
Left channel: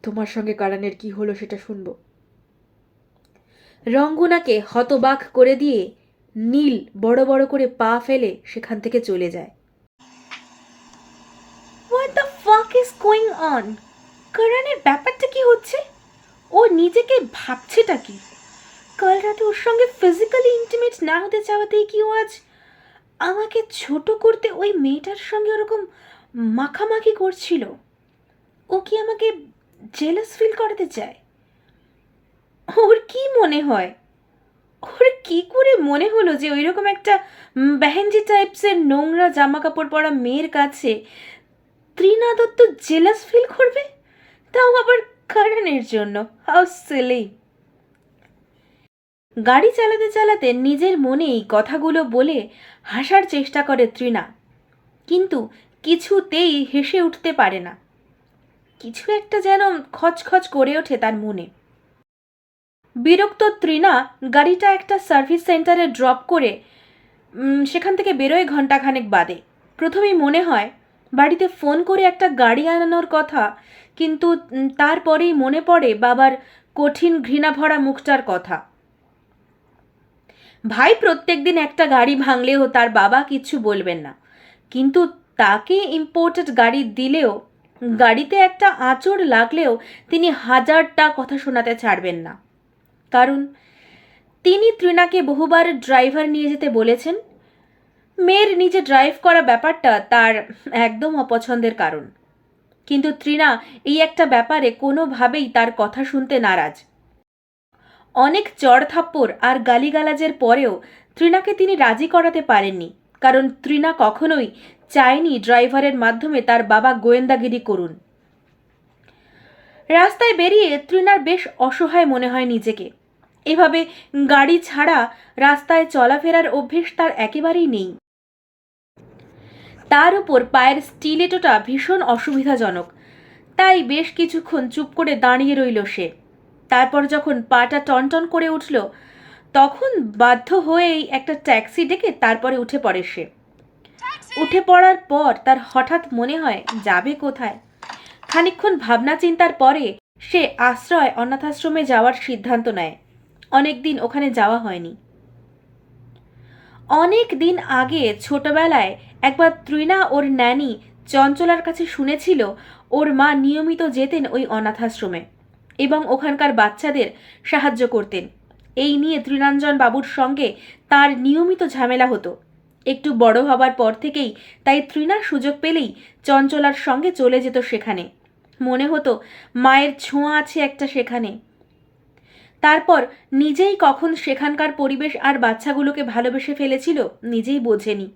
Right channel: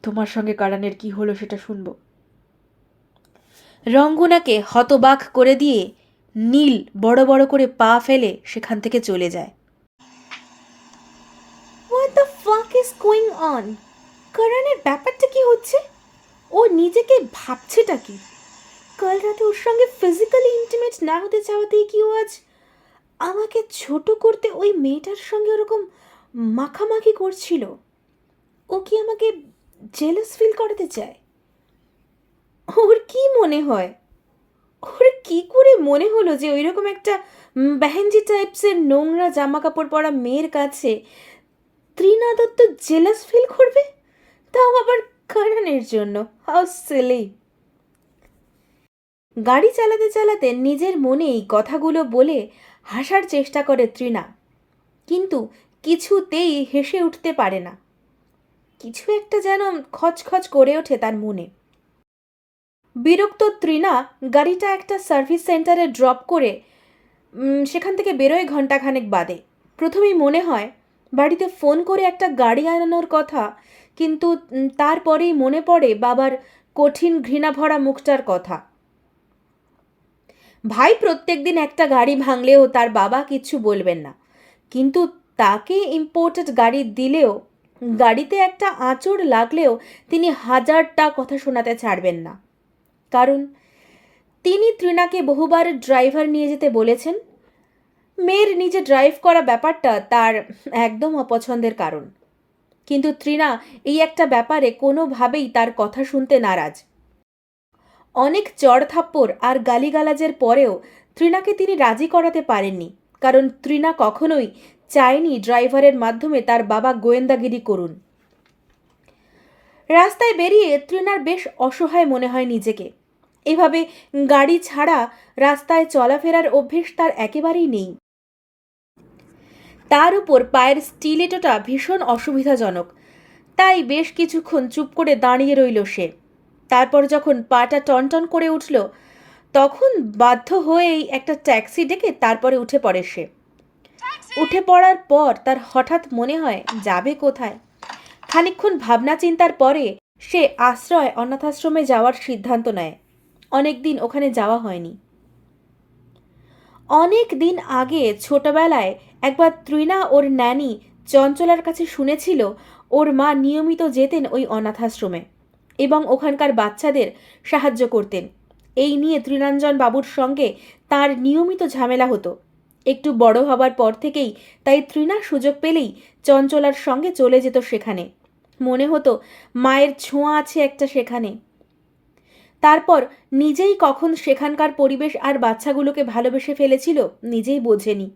তোমার সঙ্গে কারানের কি হলো সেটা শুনবো। রঙ্গনাকে হতবাক করে দিয়ে নীল বড় বড় করে পা ফেলে সেখান থেকে চলে যায়। What the fuck is going on? করণের ব্যাপারটা কি হচ্ছে? ও নিজেকে ভাবছেটা কি? কাল রাতে ওর সঙ্গে ফিজিক্যালি ইন্টিমেট না হতে চাওয়াতেই কি ও আজ আমাকে ছোট করতে ওই মেয়েটার সঙ্গে ওরকম মাখামাখি করছিল? ও কি আমাকে জেলাস ফিল করাতে চায়? ওর কি মনে হয়, ওর কি করে মনে হলো যে ওই রকম একটা বেহেনজি টাইপসের নোংরা জামা কাপড় পরা মেয়ের কাছে তৃণা দত্ত জেলাস ফিল করবে? তাও আবার করণের জন্য। How silly! গাড়ি চালাতে চালাতে নিজের মনেই কথাগুলো বলে হাসার চেষ্টা করে তৃণা, কিন্তু কিছুতেই হেসে উঠতে পারে না। কিছু একটা যেন খচখচ করে ওঠে তার মনে। বিরক্ত তৃণা গাড়িটা একটা সার্ভিস সেন্টারে ড্রপ করে সেখান থেকে বেরোয় ঘন্টাখানেক বাদে। প্রথমেই মনে হয় বাড়িতে ফোন করে একটা গাড়ি আনানোর কথা, কিন্তু তারপরেই মনে পড়ে বাবার কঠিন ঘৃণাভরা মুখটার কথা। ভাই প্রত্যেকদিন একটা গাড়ি ভাঙলেও তার বাবা কিচ্ছু বলবেন না, কিন্তু তাকে ইম্পোর্টেড গাড়ি দিলেও গাড়িতে একটা আঁচড় লাগলেও তিনি হাজারটা কথা শোনাতে ছাড়বেন না। কারণ তিনি তৃণাকে বহুবার ড্রাইভার নিয়ে যেতে বলেছেন। মেয়ের নিজে ড্রাইভ করা ব্যাপারটা তার একদম অপছন্দের কারণ, কিন্তু তৃণা এই একটা ব্যাপারে কোনোভাবেই তার কথা শুনতে নারাজ। অনেক চড়থাপ্পড় আর গালিগালাজের পরেও তৃণাকে তিনি রাজি করাতে পারেননি, কারণ তৃণা কখনোই চায়নি ড্রাইভারের মাধ্যমে তার বাবা গোয়েন্দাগিরি করুন। রাস্তায় বেরিয়ে তৃণার বেশ অসহায় মনে হয় নিজেকে। এভাবে গাড়ি ছাড়া রাস্তায় চলাফেরার অভ্যেস তার একেবারেই নেই। তার উপর পায়ের স্টিলেটোটা ভীষণ অসুবিধাজনক, তাই বেশ কিছুক্ষণ চুপ করে দাঁড়িয়ে রইল সে। তারপর যখন পাটা টনটন করে উঠল, তখন বাধ্য হয়েই একটা ট্যাক্সি ডেকে তারপরে উঠে পড়ে সে। উঠে পড়ার পর তার হঠাৎ মনে হয় যাবে কোথায়। খানিকক্ষণ ভাবনা চিন্তার পরে সে আশ্রয় অনাথাশ্রমে যাওয়ার সিদ্ধান্ত নেয়। অনেক দিন ওখানে যাওয়া হয়নি। অনেক দিন আগে ছোটবেলায় একবার তৃণা ওর ন্যানি চঞ্চলার কাছে শুনেছিল ওর মা নিয়মিত যেতেন ওই অনাথাশ্রমে এবং ওখানকার বাচ্চাদের সাহায্য করতেন। এই নিয়ে তৃণাঞ্জন বাবুর সঙ্গে তার নিয়মিত ঝামেলা হতো। একটু বড় হবার পর থেকেই তাই তৃণা সুযোগ পেলেই চঞ্চলার সঙ্গে চলে যেত সেখানে। মনে হতো মায়ের ছোঁয়া আছে একটা সেখানে। তারপর নিজেই কখন সেখানকার পরিবেশ আর বাচ্চাগুলোকে ভালোবেসে ফেলেছিল নিজেই বোঝেনি।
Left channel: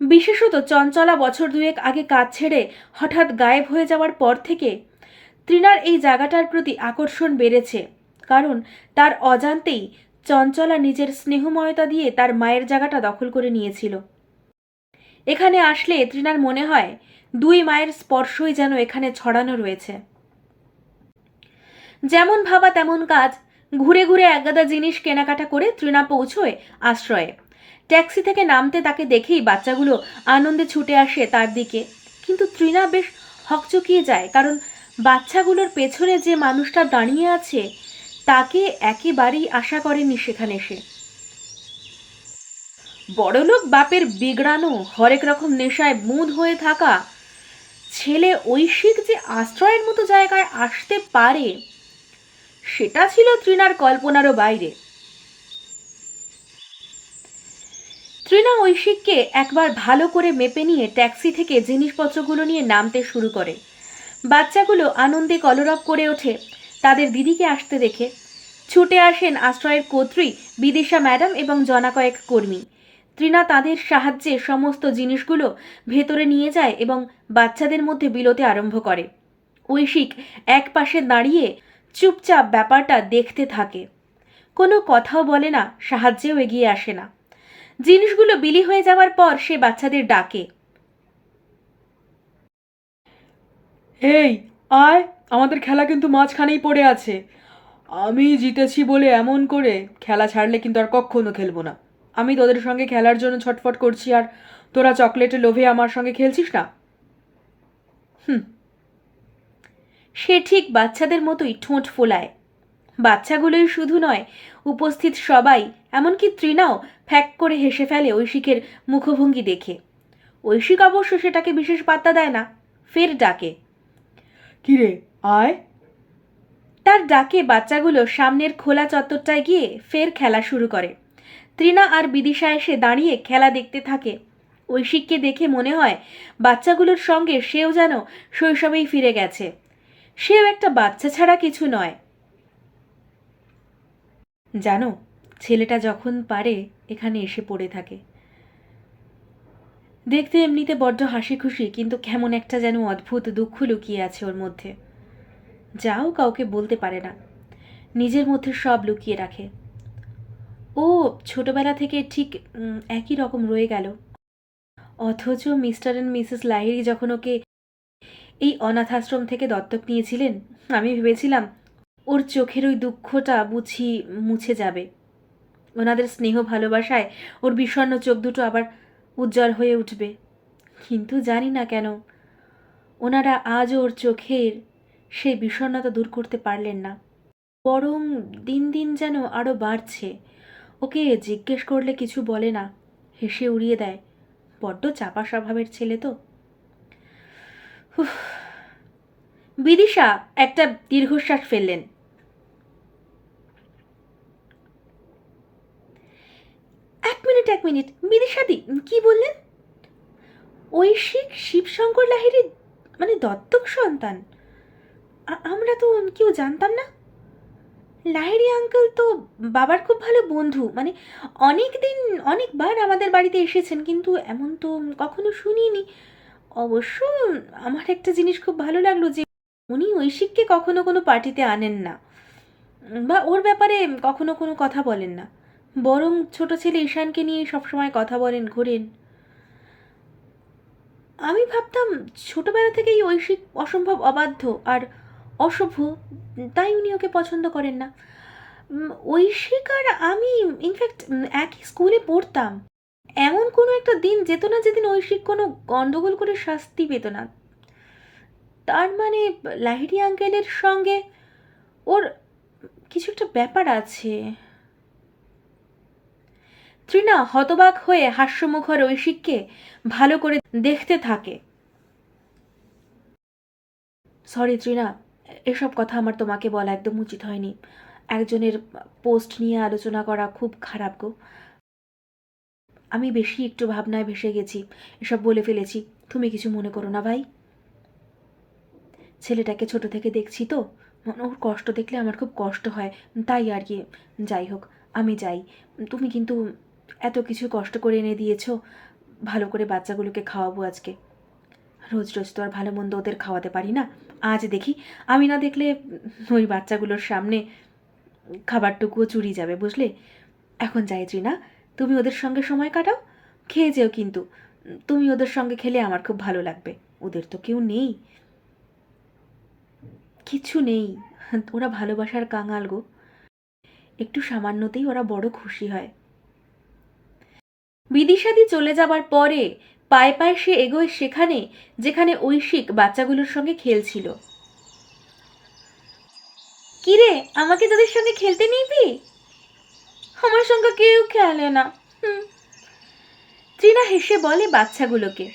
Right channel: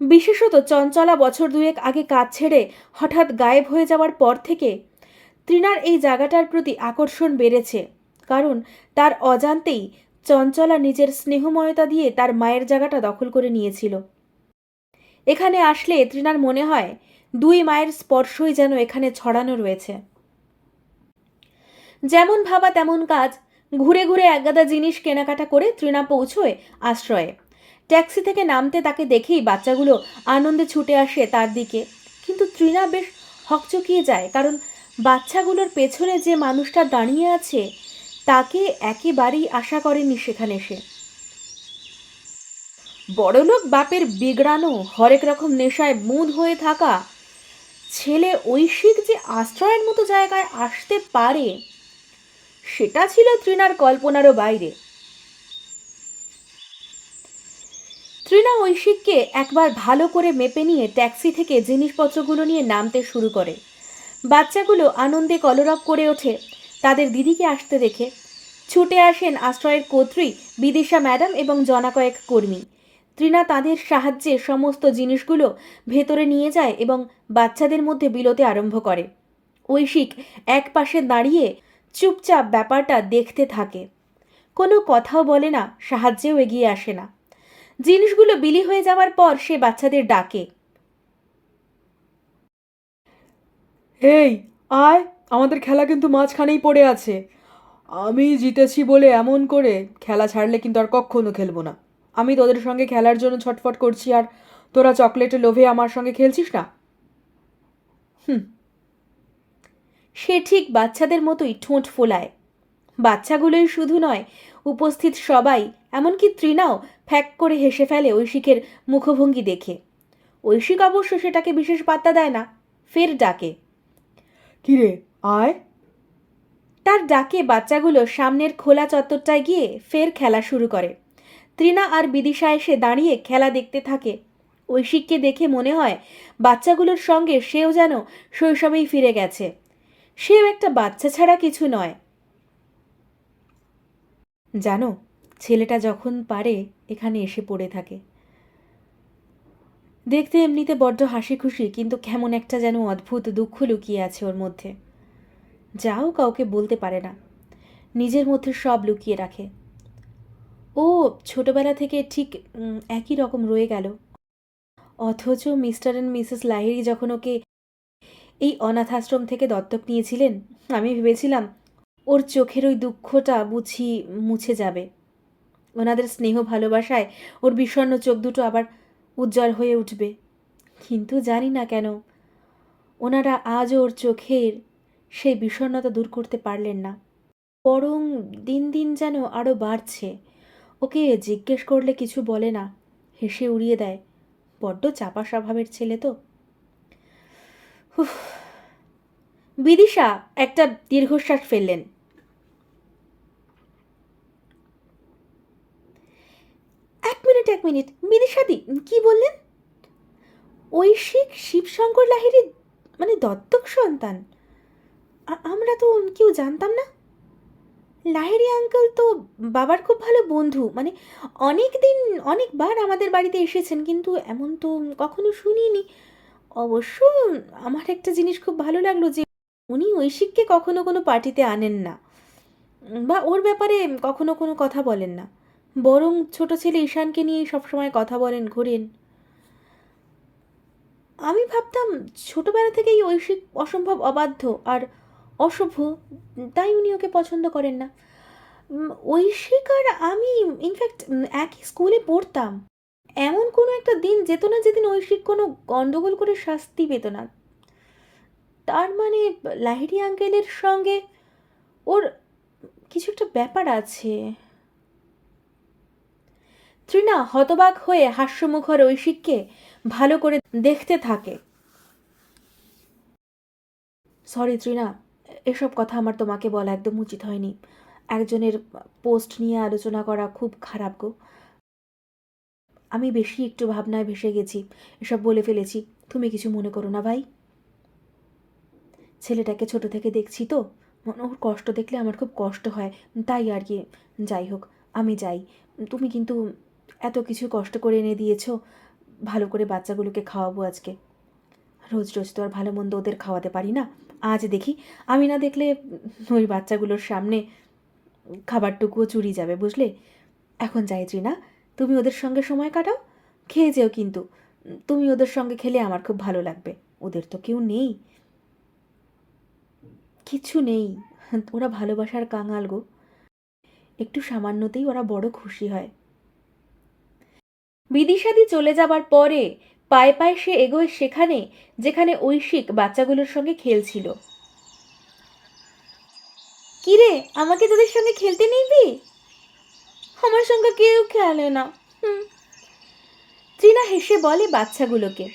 বিশেষত চঞ্চলা বছর দুয়েক আগে কাজ ছেড়ে হঠাৎ গায়েব হয়ে যাওয়ার পর থেকে তৃণার এই জায়গাটার প্রতি আকর্ষণ বেড়েছে, কারণ তার অজান্তেই চঞ্চলা নিজের স্নেহময়তা দিয়ে তার মায়ের জায়গাটা দখল করে নিয়েছিল। এখানে আসলে তৃণার মনে হয় দুই মায়ের স্পর্শই যেন এখানে ছড়ানো রয়েছে। যেমন ভাবা তেমন কাজ। ঘুরে ঘুরে একগাদা জিনিস কেনাকাটা করে তৃণা পৌঁছয় আশ্রয়ে। ট্যাক্সি থেকে নামতে তাকে দেখেই বাচ্চাগুলো আনন্দে ছুটে আসে তার দিকে, কিন্তু তৃণা বেশ হকচকিয়ে যায়, কারণ বাচ্চাগুলোর পেছনে যে মানুষটা দাঁড়িয়ে আছে তাকে একেবারেই আশা করেনি সেখানে সে। বড়লোক বাপের বিগড়ানো হরেক রকম নেশায় মুদ হয়ে থাকা ছেলে ঐশিক যে আশ্রয়ের মতো জায়গায় আসতে পারে সেটা ছিল তৃণার কল্পনারও বাইরে। তৃণা ঐশিককে একবার ভালো করে মেপে নিয়ে ট্যাক্সি থেকে জিনিসপত্রগুলো নিয়ে নামতে শুরু করে। বাচ্চাগুলো আনন্দে কলরব করে ওঠে তাদের দিদিকে আসতে দেখে। ছুটে আসেন আশ্রয়ের কর্ত্রী বিদিশা ম্যাডাম এবং জনা কয়েক কর্মী। তৃণা তাদের সাহায্যে সমস্ত জিনিসগুলো ভেতরে নিয়ে যায় এবং বাচ্চাদের মধ্যে বিলোতে আরম্ভ করে। ঐশিক এক পাশে দাঁড়িয়ে চুপচাপ ব্যাপারটা দেখতে থাকে, কোনো কথাও বলে না, সাহায্যেও এগিয়ে আসে না। জিনিসগুলো বিলি হয়ে যাওয়ার পর সে বাচ্চাদের ডাকে, এই আয়, আমাদের খেলা কিন্তু মাঝখানেই পড়ে আছে। আমি জিতেছি বলে এমন করে খেলা ছাড়লে কিন্তু আর কখনো খেলবো না। আমি তোদের সঙ্গে খেলার জন্য ছটফট করছি আর তোরা চকলেটের লোভে আমার সঙ্গে খেলছিস না। হুম। সে ঠিক বাচ্চাদের মতোই ঠোঁট ফোলায়। বাচ্চাগুলোই শুধু নয়, উপস্থিত সবাই, এমনকি তৃণাও ফ্যাক করে হেসে ফেলে ঐশিকের মুখভঙ্গি দেখে। ঐশিক অবশ্য সেটাকে বিশেষ পাত্তা দেয় না, ফের ডাকে, কিরে আয়। তার ডাকে বাচ্চাগুলো সামনের খোলা চত্বরটায় গিয়ে ফের খেলা শুরু করে। তৃণা আর বিদিশা এসে দাঁড়িয়ে খেলা দেখতে থাকে। ঐশিককে দেখে মনে হয় বাচ্চাগুলোর সঙ্গে সেও যেন শৈশবেই ফিরে গেছে। সেও একটা বাচ্চা ছাড়া কিছু নয়। জানো, ছেলেটা যখন পারে এখানে এসে পড়ে থাকে। দেখতে এমনিতে বড্ড হাসি খুশি, কিন্তু কেমন একটা যেন অদ্ভুত দুঃখ লুকিয়ে আছে ওর মধ্যে, যাও কাউকে বলতে পারে না, নিজের মধ্যে সব লুকিয়ে রাখে। ও ছোটবেলা থেকে ঠিক একই রকম রয়ে গেল, অথচ মিস্টার অ্যান্ড মিসেস লাহিড়ী যখন ওকে এই অনাথাশ্রম থেকে দত্তক নিয়েছিলেন, আমি ভেবেছিলাম ওর চোখের ওই দুঃখটা বুঝি মুছে যাবে। ওনাদের স্নেহ ভালোবাসায় ওর বিষণ্ণ চোখ দুটো আবার উজ্জ্বল হয়ে উঠবে। কিন্তু জানি না কেন ওনারা আজও ওর চোখের সেই বিষণ্ণতা দূর করতে পারলেন না, বরং দিন দিন যেন আরও বাড়ছে। ওকে জিজ্ঞেস করলে কিছু বলে না, হেসে উড়িয়ে দেয়। বড্ড চাপা স্বভাবের ছেলে তো। বিদিশা একটা দীর্ঘশ্বাস ফেললেন। এক মিনিট, বিদিশাদি কি বললেন? ঐশিক শিবশঙ্কর লাহিড়ী মানে দত্তক সন্তান? আমরা তো কেউ জানতাম না। লাহিড়ী আঙ্কেল তো বাবার খুব ভালো বন্ধু, মানে অনেক দিন অনেকবার আমাদের বাড়িতে এসেছেন, কিন্তু এমন তো কখনো শুনিনি। অবশ্য আমার একটা জিনিস খুব ভালো লাগলো যে উনি ঐশিককে কখনো কোনো পার্টিতে আনেন না, বা ওর ব্যাপারে কখনো কোনো কথা বলেন না, বরং ছোট ছেলে ঈশানকে নিয়ে সবসময় কথা বলেন, ঘোরেন। আমি ভাবতাম ছোটবেলা থেকেই ঐশিক অসম্ভব অবাধ্য আর অসভ্য, তাই উনি ওকে পছন্দ করেন না। ঐশিক আর আমি ইনফ্যাক্ট একই স্কুলে পড়তাম। এমন কোনো একটা দিন যেত না যেদিন ঐশিক কোনো গন্ডগোল করে শাস্তি পেত না। তার মানে লাহিড়ী আঙ্কেলের সঙ্গে ওর কিছু একটা ব্যাপার আছে। তৃণা হতবাক হয়ে হাস্যমুখর ঐশিককে ভালো করে দেখতে থাকে। সরি তৃণা, এসব কথা আমার তোমাকে বলা একদম উচিত হয়নি। একজনের পোস্ট নিয়ে আলোচনা করা খুব খারাপ গো। আমি বেশি একটু ভাবনায় ভেসে গেছি, এসব বলে ফেলেছি। তুমি কিছু মনে করো না ভাই। ছেলেটাকে ছোট থেকে দেখছি তো, ওর কষ্ট দেখলে আমার খুব কষ্ট হয়, তাই আর কি। যাই হোক, আমি যাই। তুমি কিন্তু এত কিছু কষ্ট করে এনে দিয়েছো, ভালো করে বাচ্চাগুলোকে খাওয়াবো আজকে। রোজ রোজ তো আর ভালো মন্দ ওদের খাওয়াতে পারি না। আজ দেখি, আমি না দেখলে ওই বাচ্চাগুলোর সামনে খাবারটুকুও চুরি যাবে, বুঝলে? এখন যাই তৃণা, তুমি ওদের সঙ্গে সময় কাটাও, খেয়ে যেও কিন্তু। তুমি ওদের সঙ্গে খেলে আমার খুব ভালো লাগবে। ওদের তো কেউ নেই, কিছু নেই, ওরা ভালোবাসার কাঙাল গো। একটু সামান্যতেই ওরা বড় খুশি হয়। বিদিশাদি চলে যাবার পরে পায়ে পায়ে সে এগোয় সেখানে যেখানে ঐশিক বাচ্চাগুলোর সঙ্গে খেলছিল। কিরে, আমাকে তোদের সঙ্গে খেলতে নিবি? আমার সঙ্গে কেউ খেলে না। তৃণা হেসে বলে বাচ্চাগুলোকে,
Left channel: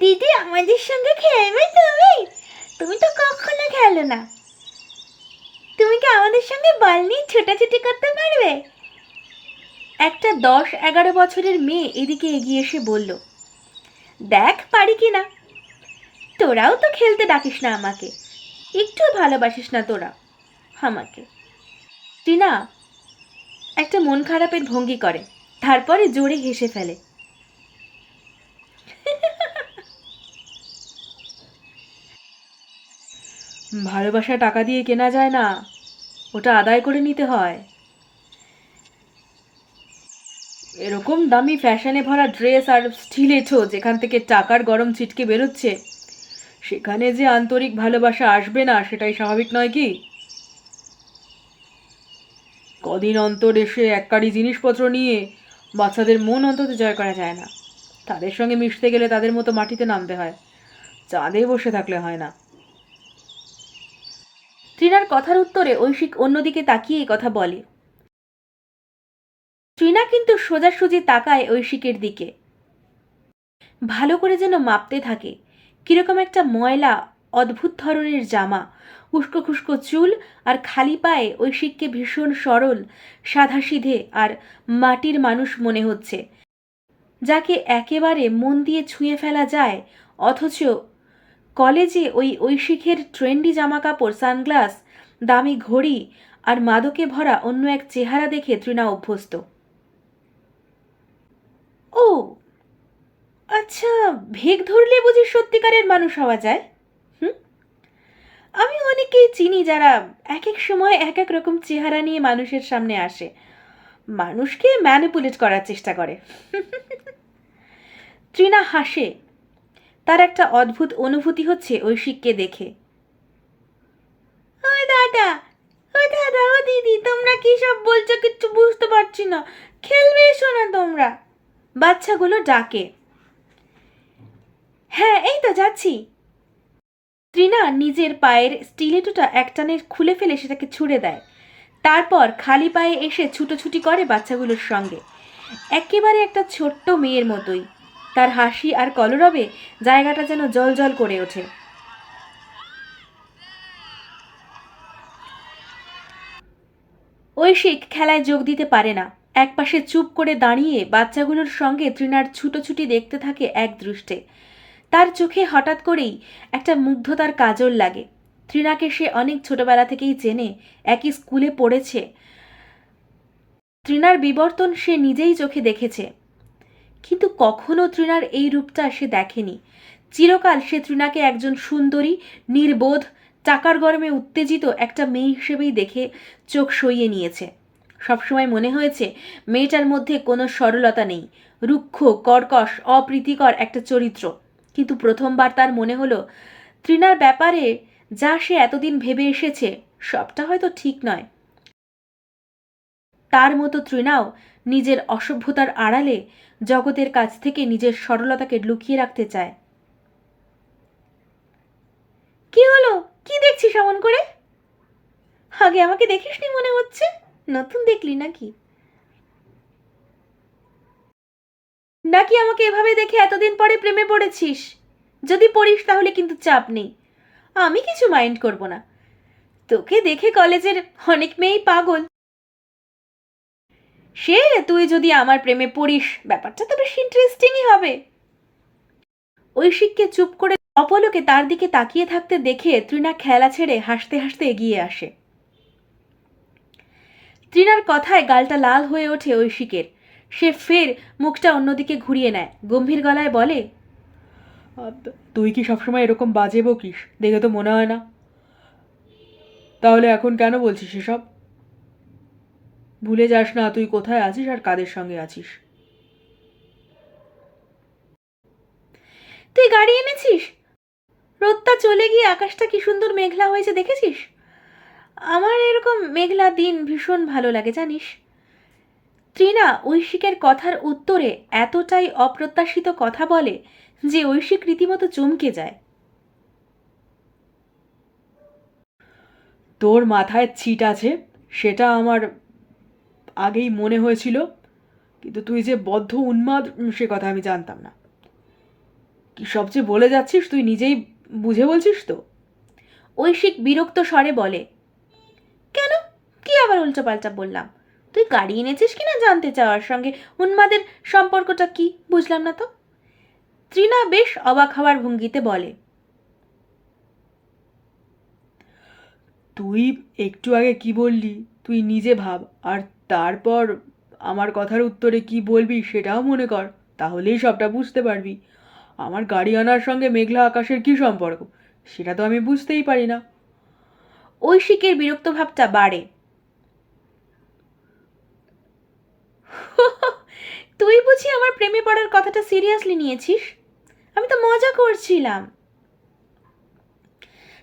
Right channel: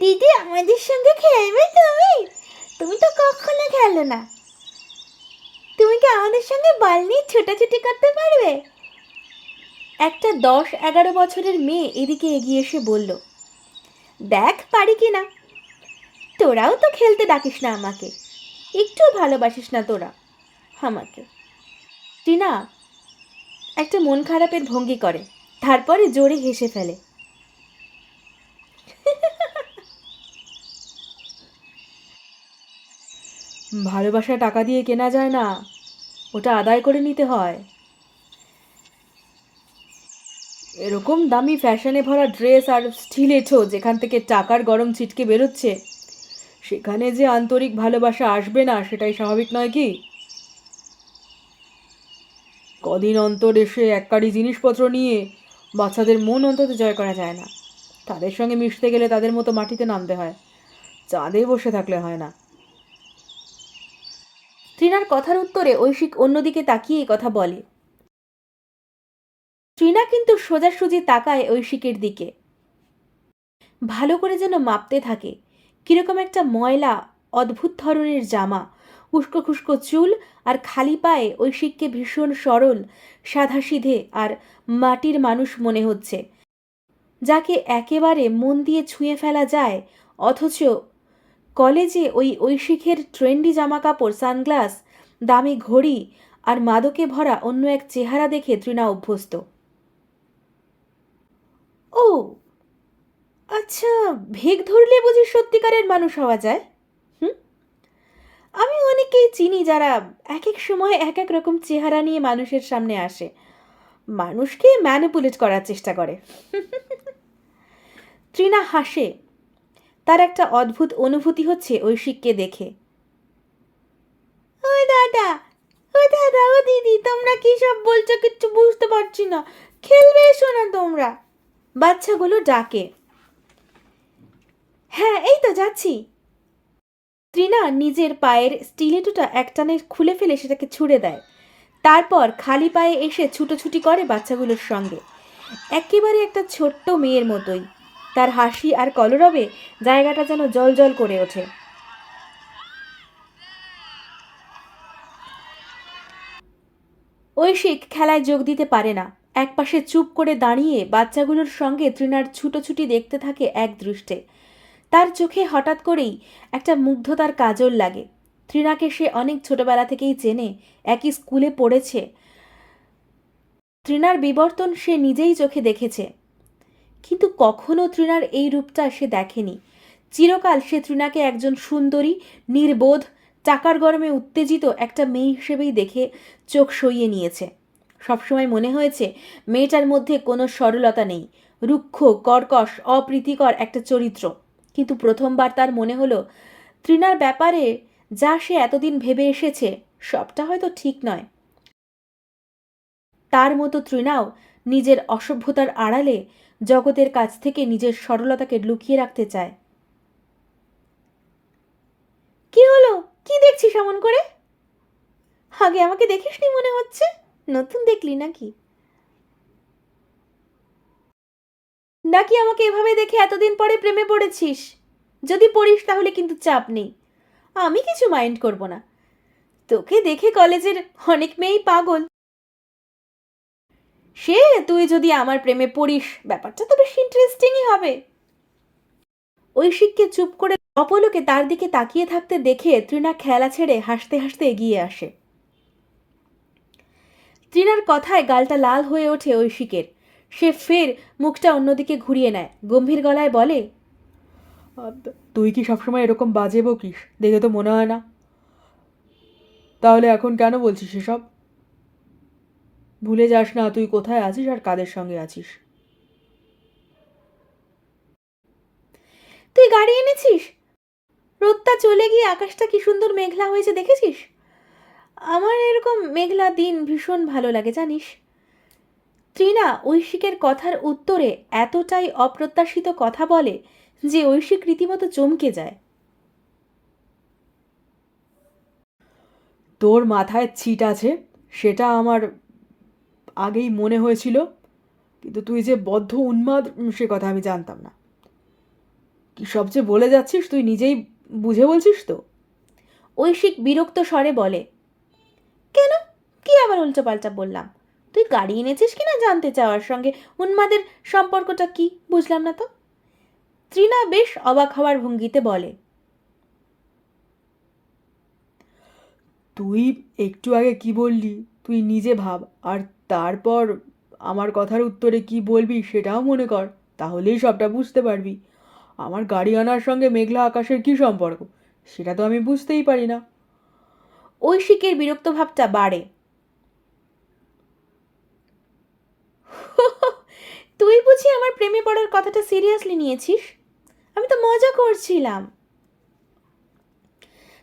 দিদি আমাদের সঙ্গে খেলবে তুমি? তুমি তো কখনো খেলো না। তুমি কি আমাদের সঙ্গে বল নিয়ে ছোটাছুটি করতে পারবে? একটা 10-11 বছরের মেয়ে এদিকে এগিয়ে এসে বলল, দেখ পারি কি না। তোরাও তো খেলতে ডাকিস না আমাকে, একটু ভালোবাসিস না তোরা আমাকে। টিনা একটা মন খারাপের ভঙ্গি করে, তারপরে জোরে হেসে ফেলে। ভালোবাসা টাকা দিয়ে কেনা যায় না, ওটা আদায় করে নিতে হয়। এরকম দামি ফ্যাশনে ভরা ড্রেস আর স্টিলেটো যেখান থেকে টাকার গরম ছিটকে বেরোচ্ছে, সেখানে যে আন্তরিক ভালোবাসা আসবে না সেটাই স্বাভাবিক নয় কি? কদিন অন্তর এসে এককারি জিনিসপত্র নিয়ে বাচ্চাদের মন অন্তত জয় করা যায় না। তাদের সঙ্গে মিশতে গেলে তাদের মতো মাটিতে নামতে হয়, চাঁদে বসে থাকলে হয় না। ট্রিনার কথার উত্তরে ঐশিক অন্যদিকে তাকিয়ে কথা বলে। ট্রিনা কিন্তু সোজাসুজি তাকায় ঐশিকের দিকে, ভালো করে যেন মাপতে থাকে। কিরকম একটা ময়লা অদ্ভুত ধরনের জামা, উস্কো খুস্কো চুল, আর খালি পায়ে ঐশিককে ভীষণ সরল, সাধাসিধে আর মাটির মানুষ মনে হচ্ছে, যাকে একেবারে মন দিয়ে ছুঁয়ে ফেলা যায়। অথচ কলেজে ওই ঐশিকের ট্রেন্ডি জামাকাপড়, সানগ্লাস, দামি ঘড়ি আর মাদকে ভরা অন্য এক চেহারা দেখে তৃণা অভ্যস্ত। ও আচ্ছা, ভেগ ধরলে বুঝি সত্যিকারের মানুষ হওয়া যায়? হুম, আমি অনেকেই চিনি যারা এক এক সময় এক এক রকম চেহারা নিয়ে মানুষের সামনে আসে, মানুষকে ম্যানিপুলেট করার চেষ্টা করে। তৃণা হাসে, তার একটা অদ্ভুত অনুভূতি হচ্ছে ঐশিককে দেখে। ও দাদা, ও দাদা, ও দিদি, তোমরা কি সব বলছো কিচ্ছু বুঝতে পারছি না, খেলবে এসো না তোমরা। বাচ্চাগুলো ডাকে। হ্যাঁ, এই তো যাচ্ছি। তৃণা নিজের পায়ের স্টিলেটোটা একটানে খুলে ফেলে সেটাকে ছুঁড়ে দেয়, তারপর খালি পায়ে এসে ছুটোছুটি করে বাচ্চাগুলোর সঙ্গে, একেবারে একটা ছোট্ট মেয়ের মতোই। তার হাসি আর কলরবে জায়গাটা যেন জলজল করে ওঠে। ঐশিক খেলায় যোগ দিতে পারে না, একপাশে চুপ করে দাঁড়িয়ে বাচ্চাগুলোর সঙ্গে তৃণার ছুটোছুটি দেখতে থাকে এক দৃষ্টে। তার চোখে হঠাৎ করেই একটা মুগ্ধতার কাজল লাগে। তৃণাকে সে অনেক ছোটবেলা থেকেই চেনে, একই স্কুলে পড়েছে। তৃণার বিবর্তন সে নিজেই চোখে দেখেছে, কিন্তু কখনো তৃণার এই রূপটা সে দেখেনি। চিরকাল সে তৃণাকে একজন সুন্দরী, নির্বোধ, টাকার গরমে উত্তেজিত একটা মেয়ে হিসেবেই দেখে চোখ সইয়ে নিয়েছে। সবসময় মনে হয়েছে মেয়েটার মধ্যে কোনো সরলতা নেই, রুক্ষ, কর্কশ, অপ্রীতিকর একটা চরিত্র। কিন্তু প্রথমবার তার মনে হলো তৃণার ব্যাপারে যা সে এতদিন ভেবে এসেছে সবটা হয়তো ঠিক নয়। তার মতো তৃণাও নিজের অসভ্যতার আড়ালে জগতের কাছ থেকে নিজের সরলতাকে লুকিয়ে রাখতে চায়। কি হলো? কি দেখছিস এমন করে? আগে আমাকে দেখিসনি মনে হচ্ছে, নতুন দেখলি নাকি? নাকি আমাকে এভাবে দেখে এতদিন পরে প্রেমে পড়েছিস? যদি পড়িস তাহলে কিন্তু চাপ নেই, আমি কিছু মাইন্ড করব না। তোকে দেখে কলেজের অনেক মেয়েই পাগল। সে তুই যদি আমার প্রেমে পড়িস ব্যাপারটা তো বেশ ইন্টারেস্টিংই হবে। ঐশিককে চুপ করে অপলকে তার দিকে তাকিয়ে থাকতে দেখে তৃণা খেলা ছেড়ে হাসতে হাসতে এগিয়ে আসে। তৃণার কথায় গালটা লাল হয়ে ওঠে ঐশিকের। সে ফের মুখটা অন্যদিকে ঘুরিয়ে নেয়, গম্ভীর গলায় বলে, তুই কি সবসময় এরকম বাজে বকিস? দেখে তো মনে হয় না। তাহলে এখন কেন বলছিস এসব? ভুলে যাস না তুই কোথায় আছিস আর কাদের সঙ্গে আছিস। তুই গাড়ি এনেছিস? রোদটা চলে গিয়ে আকাশটা কি সুন্দর মেঘলা হয়েছে দেখেছিস? আমার এরকম মেঘলা দিন ভীষণ ভালো লাগে জানিস। তৃণা ঐশিকের কথার উত্তরে এতটাই অপ্রত্যাশিত কথা বলে যে ঐশিক রীতিমতো চমকে যায়। তোর মাথায় ছিট আছে সেটা আমার আগেই মনে হয়েছিল, কিন্তু তুই যে বদ্ধ উন্মাদ সে কথা আমি জানতাম না। কি সবচেয়ে বলে যাচ্ছিস তুই নিজেই বুঝে বলছিস তো? ঐশিক বিরক্ত স্বরে বলে, কেন? কি আবার উল্টোপাল্টা বললাম? তুই গাড়ি এনেছিস কিনা জানতে চাওয়ার সঙ্গে উন্মাদের সম্পর্কটা কি বুঝলাম না তো। তৃণা বেশ অবাক হওয়ার ভঙ্গিতে বলে, তুই একটু আগে কি বললি তুই নিজে ভাব, আর তারপর আমার কথার উত্তরে কি বলবি সেটাও মনে কর, তাহলেই সবটা বুঝতে পারবি। আমার গাড়ি আনার সঙ্গে মেঘলা আকাশের কি সম্পর্ক সেটা তো আমি বুঝতেই পারি না। ঐশিকের বিরক্ত ভাবটা বাড়ে। তুই বুঝি আমার প্রেমে পড়ার কথাটা সিরিয়াসলি নিয়েছিস? আমি তো মজা করছিলাম।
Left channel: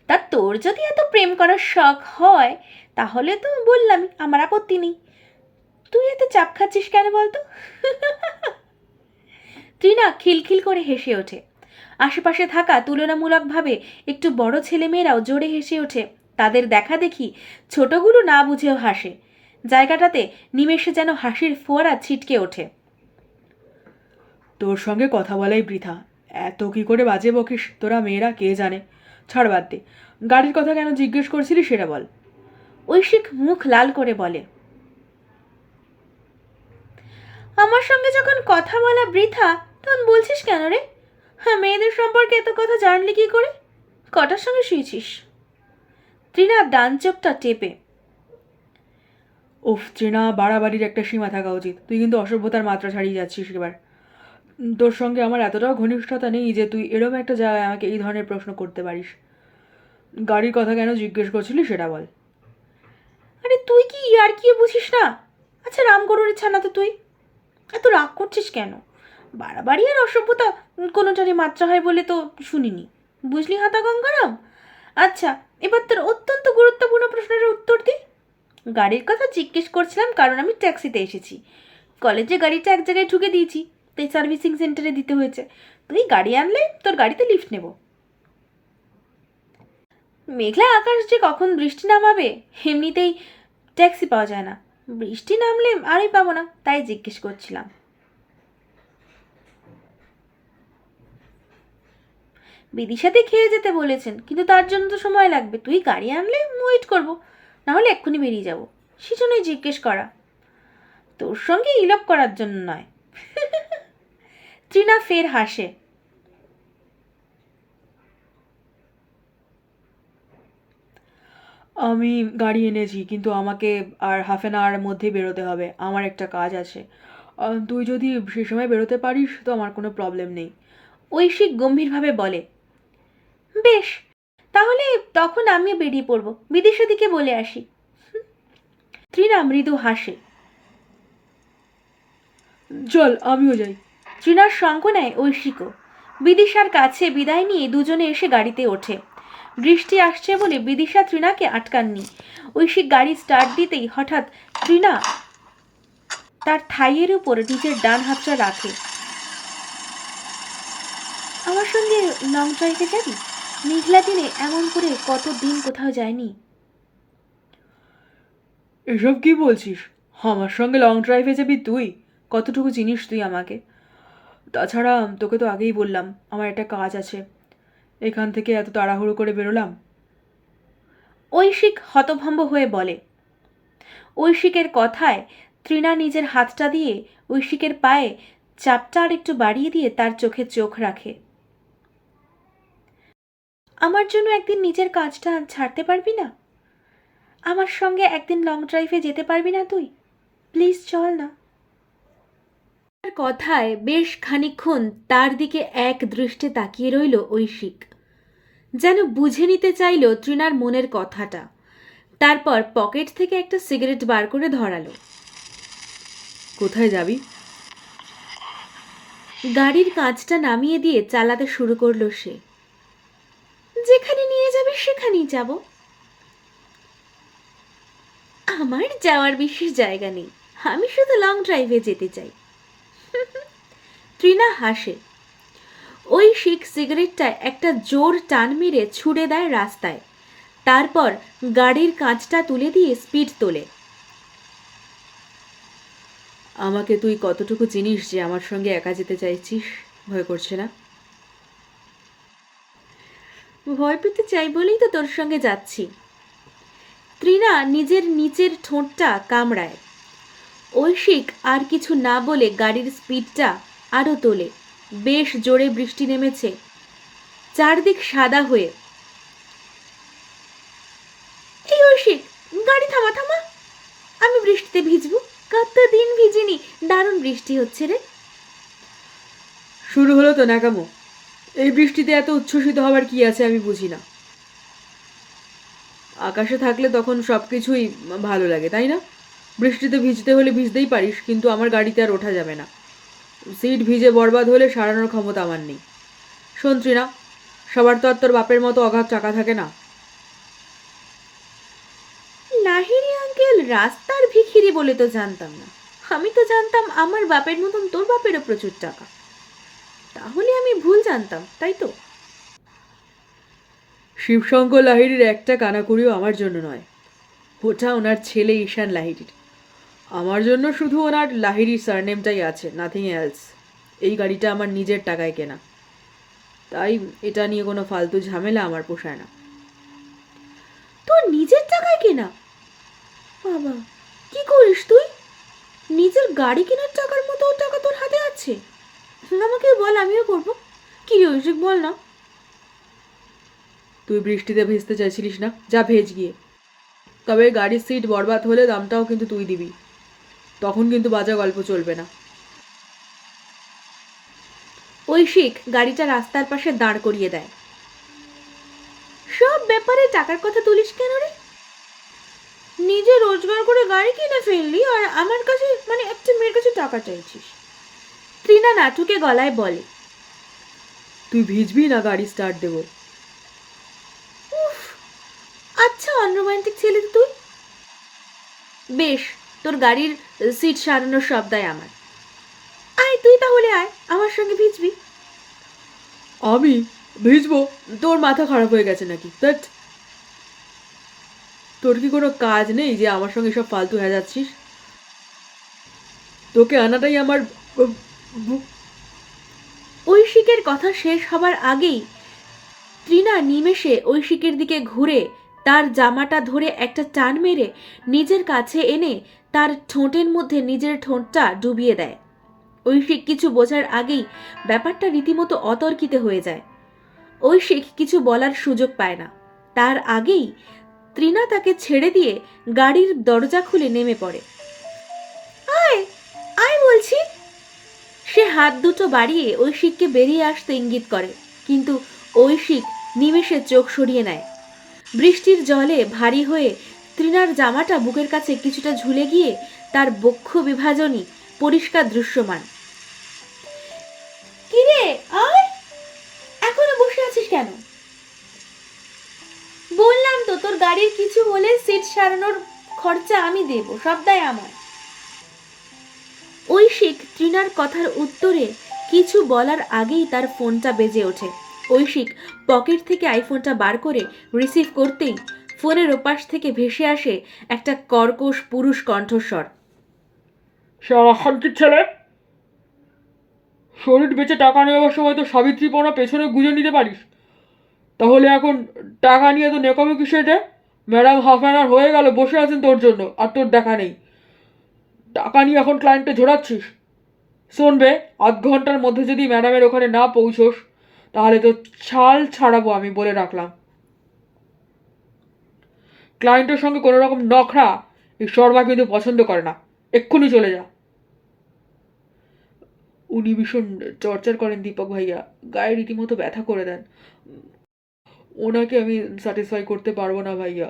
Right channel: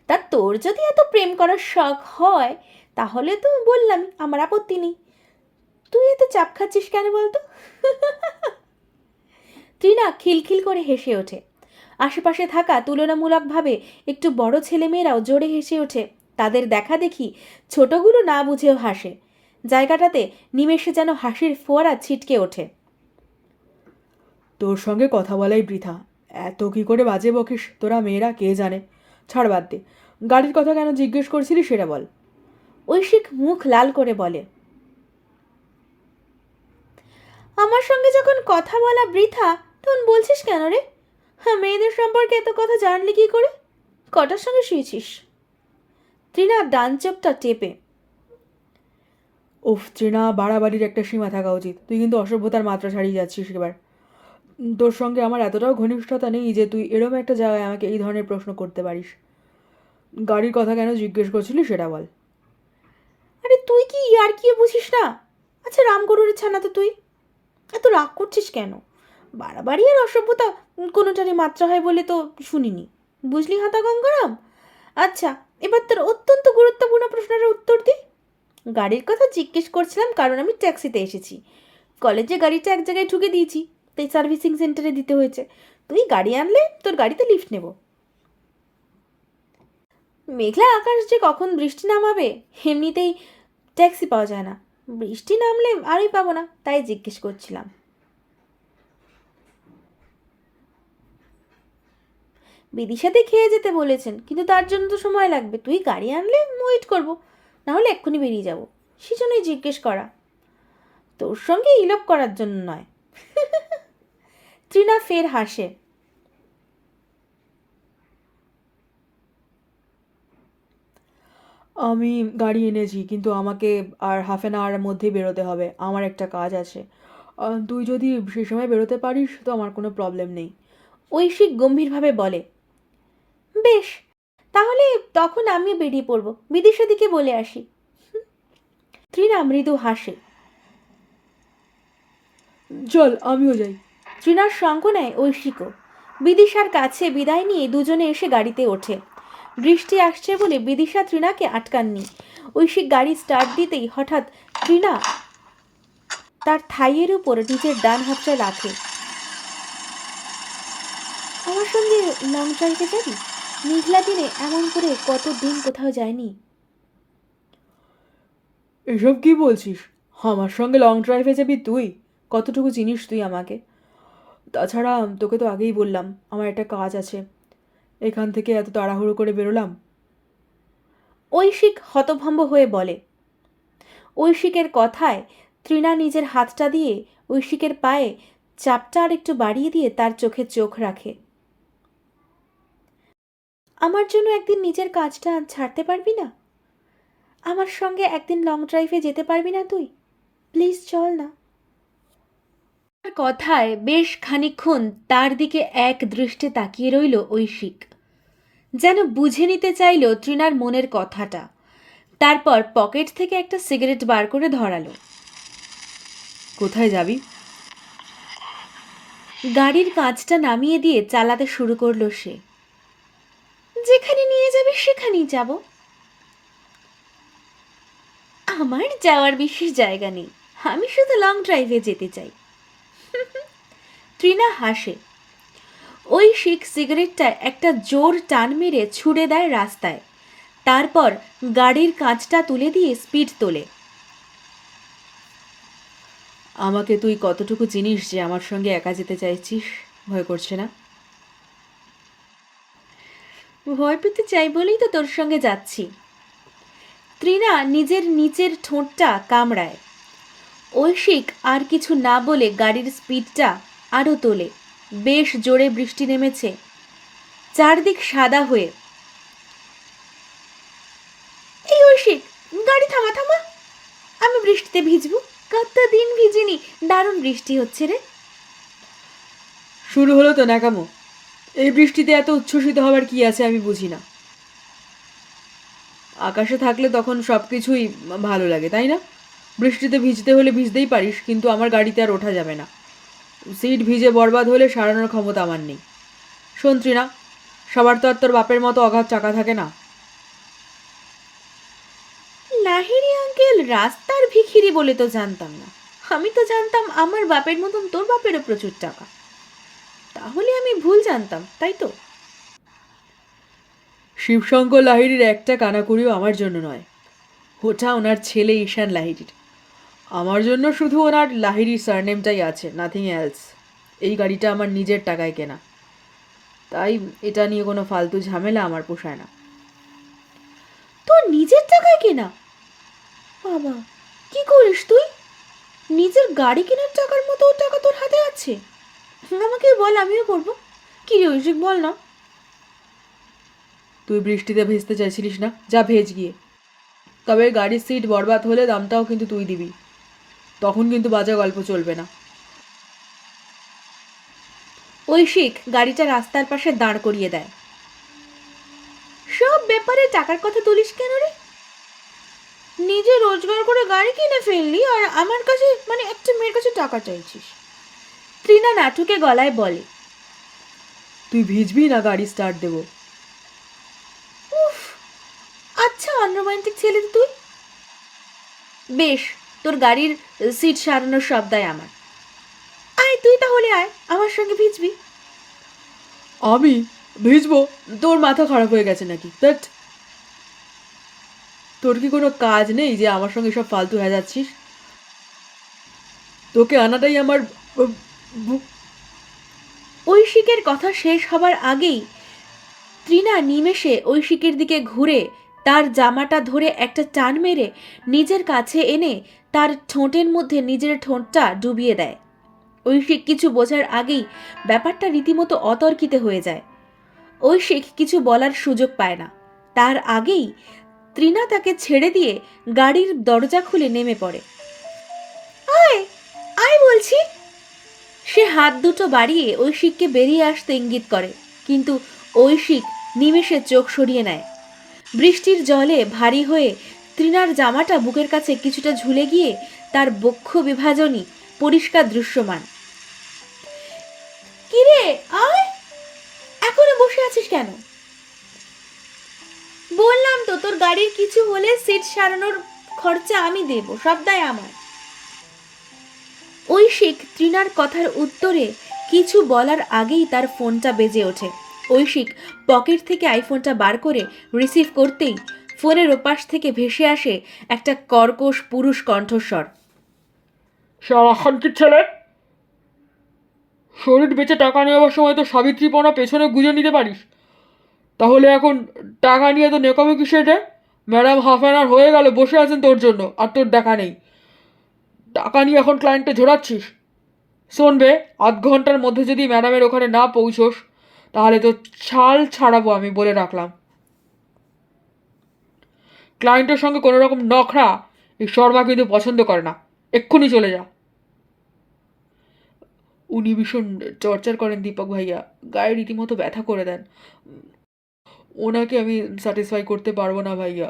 তা তোর যদি এত প্রেম করার শখ হয় তাহলে তো বললাম আমার আপত্তি নেই। তুই এত চাপ খাচ্ছিস কেন বলতো? তৃণা খিলখিল করে হেসে ওঠে। আশেপাশে থাকা তুলনামূলকভাবে একটু বড় ছেলেমেয়েরাও জোরে হেসে ওঠে। তাদের দেখা দেখি ছোটগুলো না বুঝেও হাসে। জায়গাটাতে নিমেষে যেন হাসির ফোয়ারা ছিটকে ওঠে। তোর সঙ্গে কথা বলাই বৃথা। এত কি করে বাজে বকিস তোরা মেয়েরা কে জানে। ছাড়, বাদ দে। গাড়ির কথা কেন জিজ্ঞেস করছিলি সেটা বল। ঐশিক মুখ লাল করে বলে, আমার সঙ্গে যখন কথা বলা বৃথা তখন বলছিস কেন রে? হ্যাঁ, মেয়েদের সম্পর্কে এত কথা জানলি কি করে? কটার সঙ্গে শুয়েছিস? তৃণা ডান চোখটা টেপে, উফ চেনা, বাড়াবাড়ির একটা সীমা থাকা উচিত। তুই কিন্তু অসভ্যতার মাত্রা ছাড়িয়ে যাচ্ছিস এবার। তোর সঙ্গে আমার এতটাও ঘনিষ্ঠতা নেই যে তুই এরম একটা জায়গায় আমাকে এই ধরনের প্রশ্ন করতে পারিস। গাড়ির কথা কেন জিজ্ঞেস করছিলি সেটা বল। আরে তুই কি আর কি বুঝিস না? আচ্ছা রামগরুরের ছানা তো তুই, এত রাগ করছিস কেন? বাড়াবাড়ি আর অসভ্যতা কোনোটারই মাত্রা হয় বলে তো শুনিনি, বুঝলি হাতা গঙ্গারাম? আচ্ছা, এবার তোর অত্যন্ত গুরুত্বপূর্ণ প্রশ্নের উত্তর দি। গাড়ির কথা জিজ্ঞেস করছিলাম কারণ আমি ট্যাক্সিতে এসেছি। কলেজে গাড়িটা এক জায়গায় ঢুকে দিয়েছি, তাই সার্ভিসিং সেন্টারে দিতে হয়েছে। তুই গাড়ি আনলে তোর গাড়িতে লিফট নেব। মেঘলা আকাশ যে কখন বৃষ্টি নামাবে এমনিতেই ট্যাক্সি পাওয়া যায় না, বৃষ্টি নামলে আরই পাবো না, তাই জিজ্ঞেস করছিলাম। বিদিশাতে খেয়ে যেতে বলেছেন, কিন্তু তার জন্য তো সময় লাগবে। তুই গাড়ি আনলে ওয়েট করবো, নাহলে এক্ষুনি বেরিয়ে যাবো। সেজন্যই জিজ্ঞেস করা, তোর সঙ্গে ইলপ করার জন্য নয়। তৃণা ফের হাসে। আমি গাড়ি এনেছি, কিন্তু আমাকে আর হাফ অ্যান আওয়ারের মধ্যেই বেরোতে হবে। আমার একটা কাজ আছে। তুই যদি সে সময় বেরোতে পারিস তো আমার কোনো প্রবলেম নেই। ঐশিক গম্ভীরভাবে বলে, বেশ, তাহলে তখন আমিও বেরিয়ে পড়বো, বিদিশা দিকে বলে আসি। তৃণা মৃদু হাসে। চল আমিও যাই। তৃণার সঙ্গ নেয় ঐশিকও। বিদিশার কাছে বিদায় নিয়ে দুজনে এসে গাড়িতে ওঠে। বৃষ্টি আসছে বলে বিদিশা তৃণাকে আটকাননি। ঐশিক গাড়ি স্টার্ট দিতেই হঠাৎ তৃণা তার থাইয়ের উপর নিজের ডান হাতটা রাখে। আমার সঙ্গে লং ড্রাইভে যাবি? মেঘলা দিনে এমন করে কতদিন কোথাও যায়নি। এসব কি বলছিস? আমার সঙ্গে লং ড্রাইভে যাবি তুই? কতটুকু চিনিস তুই আমাকে? তাছাড়া তোকে তো আগেই বললাম আমার একটা কাজ আছে, এখান থেকে এত তাড়াহুড়ো করে বেরোলাম। ঐশিক হতভম্ব হয়ে বলে। ঐশিকের কথায় তৃণা নিজের হাতটা দিয়ে ঐশিকের পায়ে চাপটা আর একটু বাড়িয়ে দিয়ে তার চোখে চোখ রাখে। আমার জন্য একদিন নিজের কাজটা ছাড়তে পারবি না? আমার সঙ্গে একদিন লং ড্রাইভে যেতে পারবি না তুই? প্লিজ চল না। তার কথায় বেশ খানিকক্ষণ তার দিকে এক দৃষ্টে তাকিয়ে রইল ঐশিক, যেন বুঝে নিতে চাইল তৃণার মনের কথাটা। তারপর পকেট থেকে একটা সিগারেট বার করে ধরালো। কোথায় যাবি? গাড়ির কাঁচটা নামিয়ে দিয়ে চালাতে শুরু করলো সে। যেখানে নিয়ে যাবে সেখানেই যাব। আমার যাওয়ার বিশেষ জায়গা নেই, আমি শুধু লং ড্রাইভে যেতে চাই। তৃণা হাসে। ঐশিক সিগারেটটা একটা জোর টান মেরে ছুড়ে দেয় রাস্তায়। তারপর গাড়ির কাঁচটা তুলে দিয়ে স্পিড তোলে। আমাকে তুই কতটুকু চিনিস যে আমার সঙ্গে একা যেতে চাইছিস? ভয় করছে না? ভয় পেতে চাই বলেই তো তোর সঙ্গে যাচ্ছি। তৃণা নিজের নিচের ঠোঁটটা কামড়ায়। ঐশিক আর কিছু না বলে গাড়ির স্পিডটা আরও তোলে। বেশ জোরে বৃষ্টি নেমেছে, চারদিক সাদা হয়ে। এই ঐশিক, গাড়ি থামা থামা, আমি বৃষ্টিতে ভিজবো। কতদিন ভিজিনি, দারুণ বৃষ্টি হচ্ছে রে। শুরু হলো তো ন্যাকামো। এই বৃষ্টিতে এত উচ্ছ্বসিত হবার কি আছে আমি বুঝি না। আকাশে থাকলে তখন সব কিছুই ভালো লাগে, তাই না? বৃষ্টিতে ভিজতে হলে ভিজতেই পারিস, কিন্তু আমার গাড়িতে আর ওঠা যাবে না। সিট ভিজে বরবাদ হলে সারানোর ক্ষমতা আমার নেই। শোন তৃণা, সবার তো আর তোর বাপের মতো অগাধ টাকা থাকে না। লাহিড়ী আঙ্কেল রাস্তার ভিখিরি বলে তো জানতাম না। আমি তো জানতাম আমার বাপের মতন তোর বাপেরও প্রচুর টাকা। তাহলে আমি ভুল জানতাম, তাই তো? শিবশঙ্কর লাহিড়ীর একটা কানাকুড়িও আমার জন্য নয়। ওটা ওনার ছেলে ঈশান লাহিড়ীর। আমার জন্য শুধু ওনার লাহিড়ীর সারনেমটাই আছে, নাথিং এলস। এই গাড়িটা আমার নিজের টাকায় কেনা, তাই এটা নিয়ে কোনো ফালতু ঝামেলা আমার পোষায় না। তোর নিজের টাকায় কেনা? বাবা, কি করিস তুই? নিজের গাড়ি কেনার টাকার মতো টাকা তোর হাতে আছে? আমাকে বল, আমিও করবো। কি রে ঐশিক, বল না। তুই বৃষ্টিতে ভিজতে চাইছিলিস না, যা ভেজ গিয়ে। তবে গাড়ির সিট বরবাদ হলে দামটাও কিন্তু তুই দিবি। তখন কিন্তু বাজে গল্প চলবে না। ঐশিক গাড়িটা রাস্তার পাশে দাঁড় করিয়ে দেয়। সব ব্যাপারে টাকার কথা তুলিস কেন রে? নিজে রোজগার করে গাড়ি কিনে ফেললি আর আমার কাছে, মানে একটা মেয়ের কাছে টাকা চাইছিস। তৃণা নাটুকে গলায় বলে। তুই ভিজবি না গাড়ি স্টার্ট দেবো? উফ, আচ্ছা অনরোম্যান্টিক ছেলে তুই। বেশ, তোর গাড়ির সিট সারানোর সব দায় আমার। আয় তুই তাহলে, আয় আমার সঙ্গে ভিজবি। আমি ভিজবো? তোর মাথা খারাপ হয়ে গেছে নাকি? দ্যাট, তোর কি কোনো কাজ নেই যে আমার সঙ্গে সব ফালতু হয়ে যাচ্ছিস? তোকে আনাটাই আমার ঐশিকের কথা শেষ হবার আগেই তৃণা নিমেষে ঐশিকের দিকে ঘুরে তার জামাটা ধরে একটা টান মেরে নিজের কাছে এনে তার ঠোঁটের মধ্যে নিজের ঠোঁটটা ডুবিয়ে দেয়। ঐশিক কিছু বোঝার আগেই ব্যাপারটা রীতিমতো অতর্কিত হয়ে যায়। ঐশিক কিছু বলার সুযোগ পায় না। তার আগেই তৃণা তাকে ছেড়ে দিয়ে গাড়ির দরজা খুলে নেমে পড়ে। আয় আয় বলছি। সে হাত দুটো বাড়িয়ে ঐশিককে বেরিয়ে আসতে ইঙ্গিত করে, কিন্তু ঐশিক নিমেষে চোখ সরিয়ে নেয়। বৃষ্টির জলে ভারী হয়ে তৃণার জামাটা বুকের কাছে কিছুটা ঝুলে গিয়ে তার বক্ষ বিভাজনই পরিষ্কার দৃশ্যমান। কিরে আয়, কেন? বললাম তো, তোর গাড়ির কিছু হলে সিট সারানোর খরচা আমি দেব, সবটাই আমার। ঐশিক তৃণার কথার উত্তরে কিছু বলার আগেই তার ফোনটা বেজে ওঠে। ঐশিক পকেট থেকে আইফোনটা বার করে রিসিভ করতেই ফোনের ওপাশ থেকে ভেসে আসে একটা কর্কশ পুরুষ কণ্ঠস্বর। শালাখানকির ছেলে, শরীর বেচে টাকা নেওয়ার সময় তো সাবিত্রীপনা পেছনে গুঁজে নিতে পারিস। তাহলে এখন টাকা নিয়ে তো নেকামি কিসের রে? ম্যাডাম হাফ অ্যান আওয়ার হয়ে গেল বসে আছেন তোর জন্য, আর তোর দেখা নেই। টাকা নিয়ে এখন ক্লায়েন্টে ঝোরাচ্ছিস। শোনবে, আধ ঘন্টার মধ্যে যদি ম্যাডামের ওখানে না পৌঁছোস তাহলে তো ছাল ছাড়াবো, আমি বলে রাখলাম। ক্লায়েন্টের সঙ্গে কোনো রকম নখরা এই শর্মা কিন্তু পছন্দ করে না। এক্ষুনি চলে যা। উনি ভীষণ টর্চার করেন দীপক ভাইয়া, গায়ে রীতিমতো ব্যথা করে দেন। ওনাকে আমি স্যাটিসফাই করতে পারবো না ভাইয়া।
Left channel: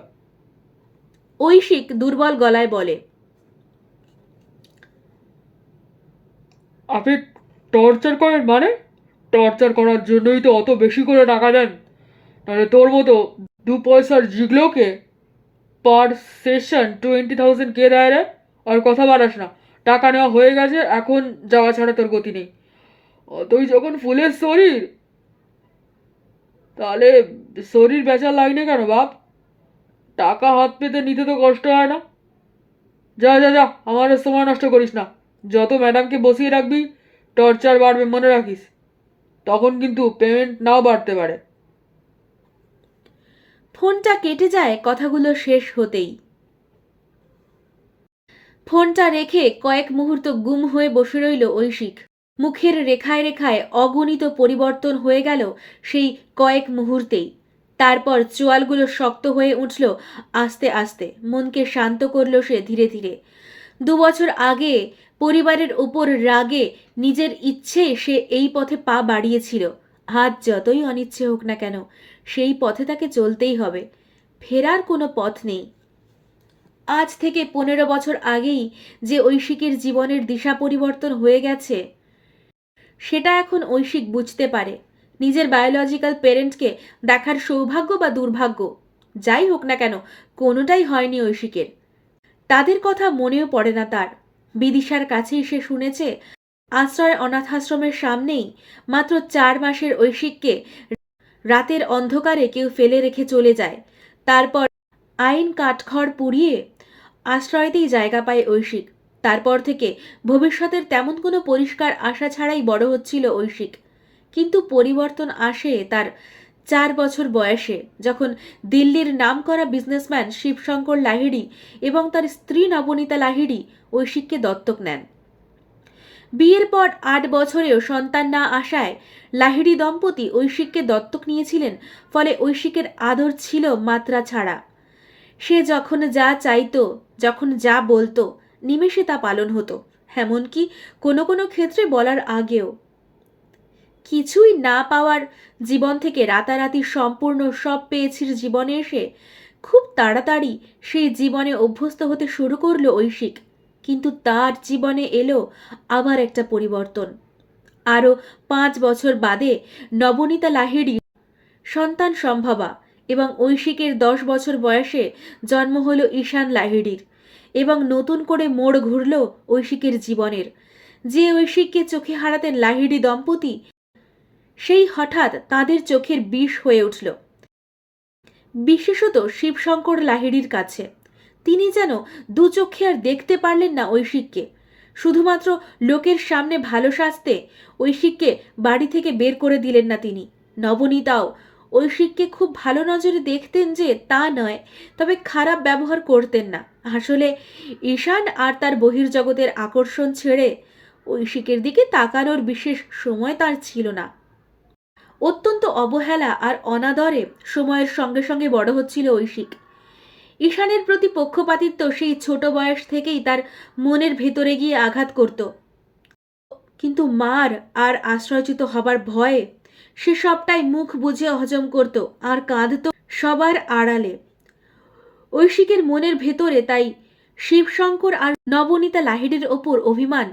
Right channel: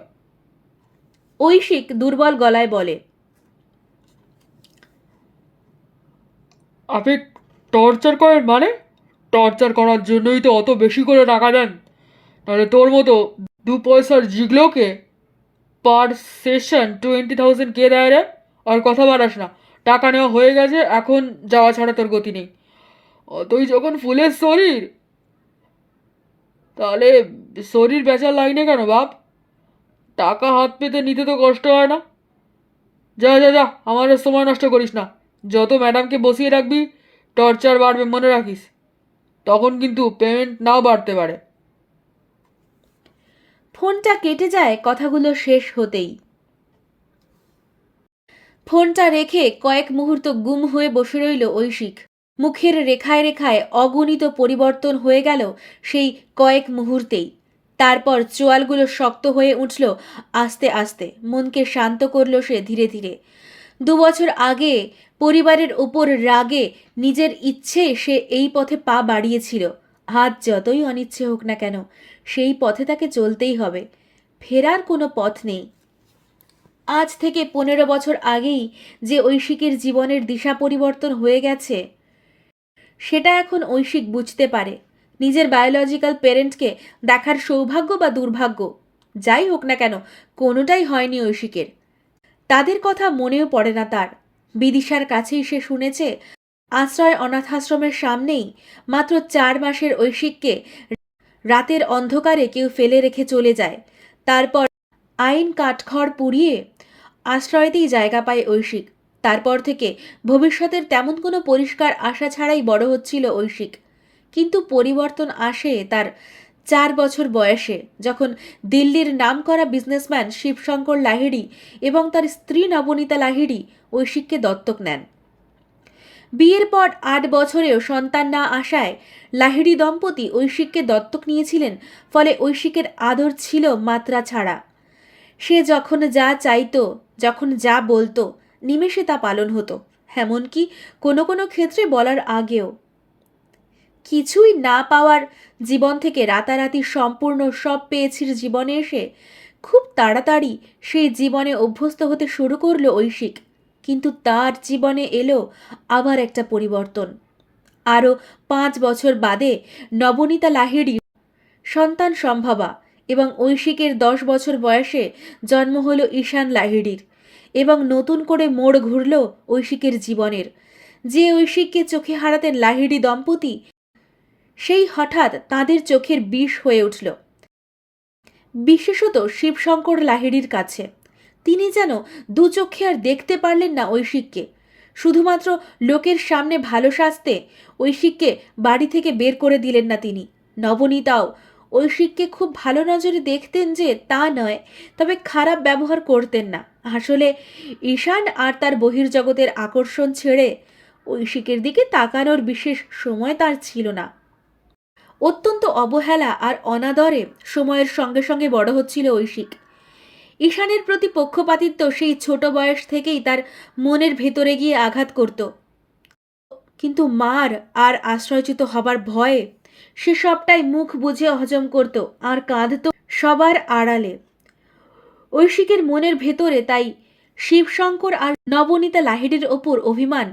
ঐশিক দুর্বল গলায় বলে। আপনি টর্চার করেন মানে? টর্চার করার জন্যই তো অত বেশি করে টাকা দেন। তাহলে তোর মতো 2 পয়সার জিগলোকে পার সেশন 20,000 কে দেয় রে? আর কথা বাড়াস না। টাকা নেওয়া হয়ে গেছে, এখন যাওয়া ছাড়া তোর গতি নেই। অতই যখন ফুলের শরীর, তাহলে শরীর বেচার লাইনে কেন বাপ? টাকা হাত পেতে নিতে তো কষ্ট হয় না। যা যা যা, আমার আর সময় নষ্ট করিস না। যত ম্যাডামকে বসিয়ে রাখবি টর্চার বাড়বে, মনে রাখিস। তখন কিন্তু পেমেন্ট নাও বাড়তে পারে। ফোনটা কেটে যায় কথাগুলো শেষ হতেই। ফোনটা রেখে কয়েক মুহূর্ত গুম হয়ে বসে রইল ঐশিক। মুখের রেখায় রেখায় অগণিত পরিবর্তন হয়ে গেল সেই কয়েক মুহূর্তেই। তারপর চোয়ালগুলো শক্ত হয়ে উঠল আস্তে আস্তে। মনকে শান্ত করল সে ধীরে ধীরে। 2 বছর আগে পরিবারের উপর রাগে নিজের ইচ্ছে সে এই পথে পা বাড়িয়েছিল। আজ যতই অনিচ্ছে হোক না কেন, সেই পথে তাকে চলতেই হবে। ফেরার কোনো পথ নেই। আজ থেকে 15 বছর আগেই যে ঐশিকের জীবনের দিশা পরিবর্তন হয়ে গেছে, সেটা এখন ঐশিক বুঝতে পারে। নিজের বায়োলজিক্যাল পেরেন্টকে দেখার সৌভাগ্য বা দুর্ভাগ্য যাই হোক না কেন, কোনোটাই হয়নি ঐশিকের। তাদের কথা মনেও পড়ে না তার। বিদিশার কাছেই সে শুনেছে আশ্রয় অনাথাশ্রমের সামনেই মাত্র 4 মাসের ঐশিককে রাতের অন্ধকারে কেউ ফেলে রেখে চলে যায়। তারপর আইন কাঠখড় পুড়িয়ে আশ্রয়তেই জায়গা পায় ঐশিক। তারপর থেকে ভবিষ্যতের তেমন কোনো পরিষ্কার আশা ছাড়াই বড় হচ্ছিল ঐশিক। কিন্তু পরিবর্তন আসে তার 4 বছর বয়সে, যখন দিল্লির নামকরা বিজনেসম্যান শিবশঙ্কর লাহিড়ী এবং তার স্ত্রী নবনীতা লাহিড়ী ঐশিককে দত্তক নেন। বিয়ের পর 8 বছরেও সন্তান না আসায় লাহিড়ী দম্পতি ঐশিককে দত্তক নিয়েছিলেন। ফলে ঐশিকের আদর ছিল মাত্রা ছাড়া। সে যখন যা চাইতো, যখন যা বলতো, নিমেষে তা পালন হতো, এমনকি কোনো কোনো ক্ষেত্রে বলার আগেও। কিছুই না পাওয়ার জীবন থেকে রাতারাতি সম্পূর্ণ সব পেয়েছির জীবনে এসে খুব তাড়াতাড়ি সেই জীবনে অভ্যস্ত হতে শুরু করলো ঐশিক। কিন্তু তার জীবনে এলো আবার একটা পরিবর্তন। আরও 5 বছর বাদে নবনীতা লাহিড়ী সন্তান সম্ভবা এবং ঐশিকের 10 বছর বয়সে জন্ম হলো ঈশান লাহিড়ীর। এবং নতুন করে মোড় ঘুরল ঐশিকের জীবনের। যে ঐশিককে চোখে হারাতেন লাহিড়ী দম্পতি, সেই হঠাৎ তাদের চোখের বিষ হয়ে উঠল, বিশেষত শিবশঙ্কর লাহিড়ীর কাছে। তিনি যেন দু চোখে আর দেখতে পারলেন না ঐশিককে। শুধুমাত্র লোকের সামনে ভালো সাজতে ঐশিককে বাড়ি থেকে বের করে দিলেন না তিনি। নবনীতাও ঐশিককে খুব ভালো নজরে দেখতেন যে তা নয়, তবে খারাপ ব্যবহার করতেন না। আসলে ঈশান আর তার বহির্জগতের আকর্ষণ ছেড়ে ঐশিকের দিকে তাকানোর বিশেষ সময় তার ছিল না। অত্যন্ত অবহেলা আর অনাদরে সময়ের সঙ্গে সঙ্গে বড় হচ্ছিল ঐশিক। ঈশানের প্রতি পক্ষপাতিত্ব সেই ছোট বয়স থেকেই তার মনের ভেতরে গিয়ে আঘাত করত। কিন্তু মার আর আশ্রয়চ্যুত হবার ভয়ে সে সবটাই মুখ বুঝে হজম করত আর কাঁদত সবার আড়ালে। ঐশিকের মনের ভেতরে তাই শিবশঙ্কর আর নবনীতা লাহিড়ীর ওপর অভিমান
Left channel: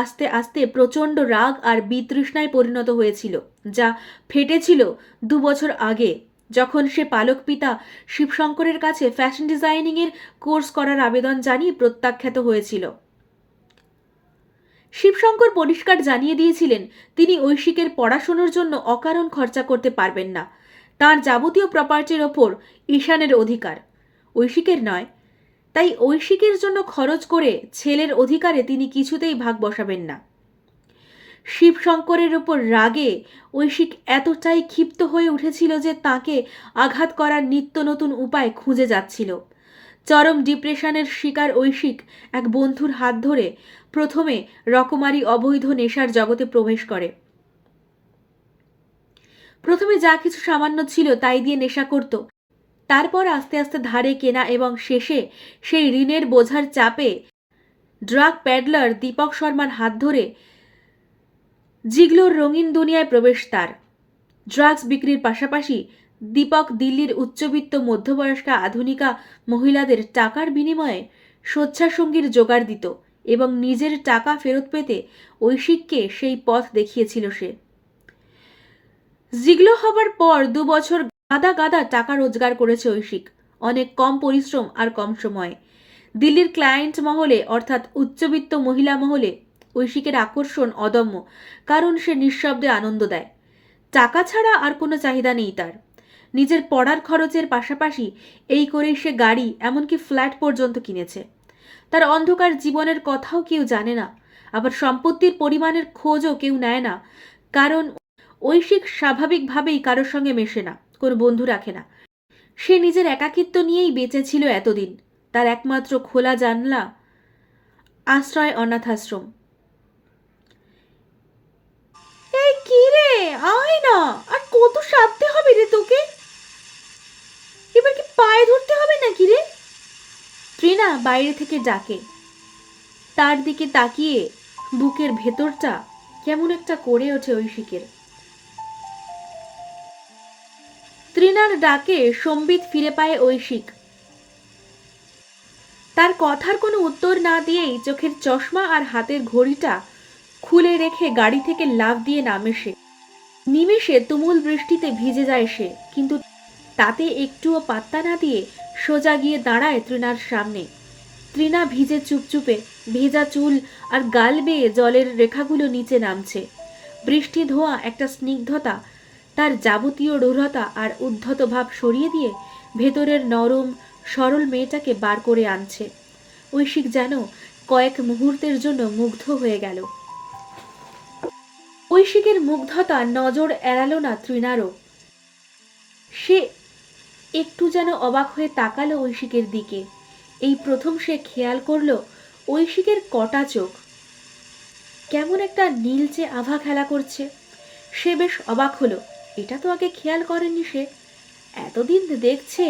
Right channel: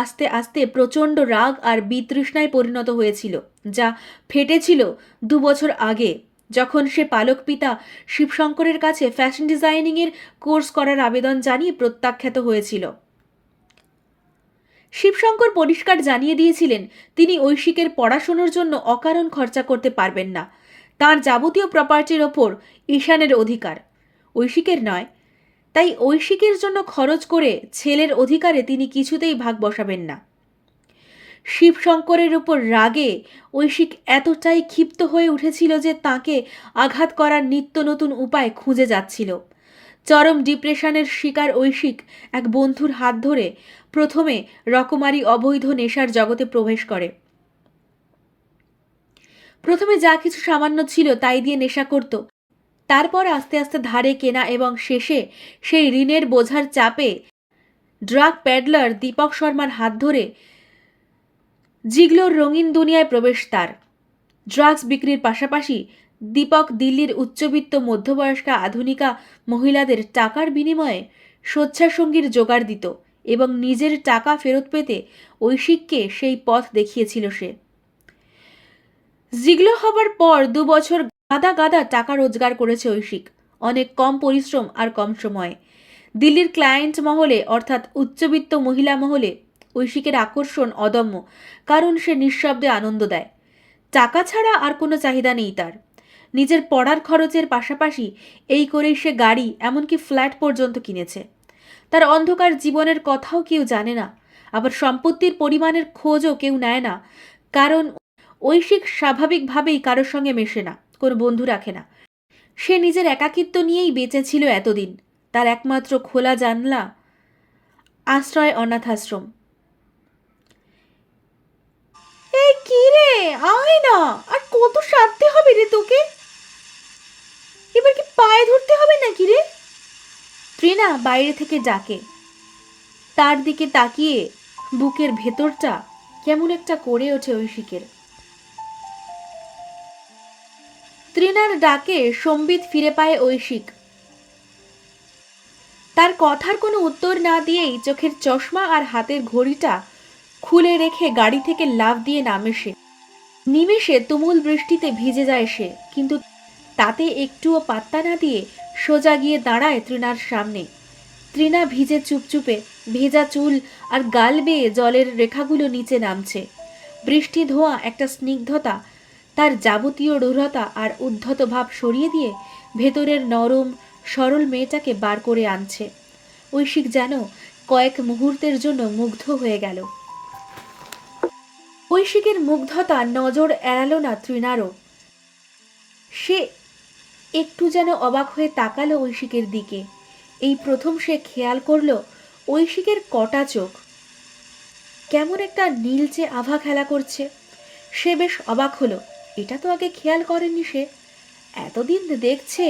আস্তে আস্তে প্রচণ্ড রাগ আর বিতৃষ্ণায় পরিণত হয়েছিল, যা ফেটেছিল 2 বছর আগে, যখন সে পালক পিতা শিবশঙ্করের কাছে ফ্যাশন ডিজাইনিংয়ের কোর্স করার আবেদন জানিয়ে প্রত্যাখ্যাত হয়েছিল। শিবশঙ্কর পরিষ্কার জানিয়ে দিয়েছিলেন তিনি ঐশিকের পড়াশোনার জন্য অকারণ খরচা করতে পারবেন না। তার যাবতীয় প্রপার্টির ওপর ঈশানের অধিকার, ঐশিকের নয়। তাই ঐশিকের জন্য খরচ করে ছেলের অধিকারে তিনি কিছুতেই ভাগ বসাবেন না। শিবশঙ্করের উপর রাগে ঐশিক এতটাই ক্ষিপ্ত হয়ে উঠেছিল যে তাকে আঘাত করার নিত্য নতুন উপায় খুঁজে যাচ্ছিল। চরম ডিপ্রেশনের শিকার ঐশিক এক বন্ধুর হাত ধরে প্রথমে রকমারি অবৈধ নেশার জগতে প্রবেশ করে। প্রথমে যা কিছু সামান্য ছিল তাই দিয়ে নেশা করত, তারপর আস্তে আস্তে ধারে কেনা এবং শেষে সেই ঋণের বোঝার চাপে ড্রাগ প্যাডলার দীপক শর্মার হাত ধরে জিগলোর রঙিন দুনিয়ায় প্রবেশ তার। ড্রাগস বিক্রির পাশাপাশি দীপক দিল্লির উচ্চবিত্ত মধ্যবয়স্কা আধুনিকা মহিলাদের টাকার বিনিময়ে স্বেচ্ছাসঙ্গীর জোগাড় দিত এবং নিজের টাকা ফেরত পেতে ঐশিককে সেই পথ দেখিয়েছিল সে। জিগলো হবার পর 2 বছর গাদা গাদা টাকা রোজগার করেছে ঐশিক, অনেক কম পরিশ্রম আর কম সময়ে। দিল্লির ক্লায়েন্ট মহলে অর্থাৎ উচ্চবিত্ত মহিলা মহলে ঐশিকের আকর্ষণ অদম্য, কারণ সে নিঃশব্দে আনন্দ দেয়। টাকা ছাড়া আর কোনো চাহিদা নেই তার। নিজের পড়ার খরচের পাশাপাশি এই করেই সে গাড়ি এমনকি ফ্ল্যাট পর্যন্ত কিনেছে। তার অন্ধকার জীবনের কথাও কেউ জানে না, আবার সম্পত্তির পরিমাণের খোঁজও কেউ নেয় না, কারণ ঐশিক স্বাভাবিকভাবেই কারোর সঙ্গে মেশে না, কোনো বন্ধু রাখে না। সে নিজের একাকিত্ব নিয়েই বেঁচে ছিল এতদিন। তার একমাত্র খোলা জানলা আশ্রয় অনাথাশ্রম। এই কি রে, আয় না, আর কত সাধতে হবে রে তোকে? এবার কি পায়ে ধরতে হবে নাকি রে? ত্রিনা বাইরে থেকে ডাকে। তার দিকে তাকিয়ে বুকের ভেতরটা কেমন একটা করে ওঠে ঐশিকের। ত্রিনার ডাকে সম্বিত ফিরে পায় ঐশিক। তার কথার কোনো উত্তর না দিয়েই চোখের চশমা আর হাতের ঘড়িটা খুলে রেখে গাড়ি থেকে লাফ দিয়ে নামে সে। নিমেষে তুমুল বৃষ্টিতে ভিজে যায় সে, কিন্তু তাতে একটুও পাত্তা না দিয়ে সোজা গিয়ে দাঁড়ায় ত্রিনার সামনে। ত্রিনা ভিজে চুপচুপে, ভেজা চুল আর গাল বেয়ে জলের রেখাগুলো নিচে নামছে। বৃষ্টি ধোয়া একটা স্নিগ্ধতা তার যাবতীয় রূঢ়তা আর উদ্ধত ভাব সরিয়ে দিয়ে ভেতরের নরম সরল মেয়েটাকে বার করে আনছে। ঐশিক যেন কয়েক মুহূর্তের জন্য মুগ্ধ হয়ে গেল। ঐশিকের মুগ্ধতা নজর এড়ালো না ত্রিনারও। সে একটু যেন অবাক হয়ে তাকালো ঐশিকের দিকে। এই প্রথম সে খেয়াল করলো ঐশিকের কটা চোখ কেমন একটা নীলচে আভা খেলা করছে। সে বেশ অবাক হলো, এটা তো আগে খেয়াল করেনি সে। এতদিন দেখছে,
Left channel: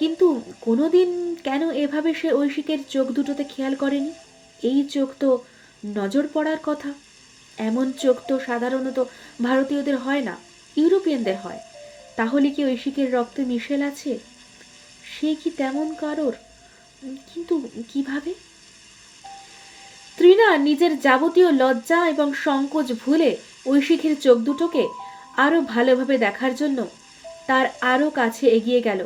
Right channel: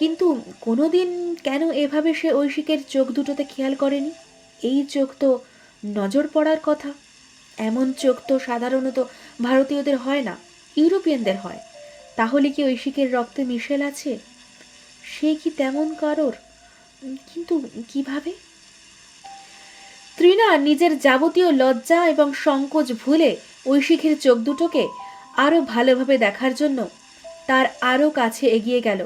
কিন্তু কোনোদিন কেন এভাবে সে ঐশিকের চোখ দুটোতে খেয়াল করেনি? এই চোখ তো নজর পড়ার কথা। এমন চোখ তো সাধারণত ভারতীয়দের হয় না, ইউরোপিয়ানদের হয়। তাহলে কি ঐশিকের রক্তে মিশেল আছে? সে কি তেমন কারোর? কিন্তু কিভাবে? ত্রিনা নিজের যাবতীয় লজ্জা এবং সংকোচ ভুলে ঐশিকের চোখ দুটোকে আরো ভালোভাবে দেখার জন্য তার আরো কাছে এগিয়ে গেল।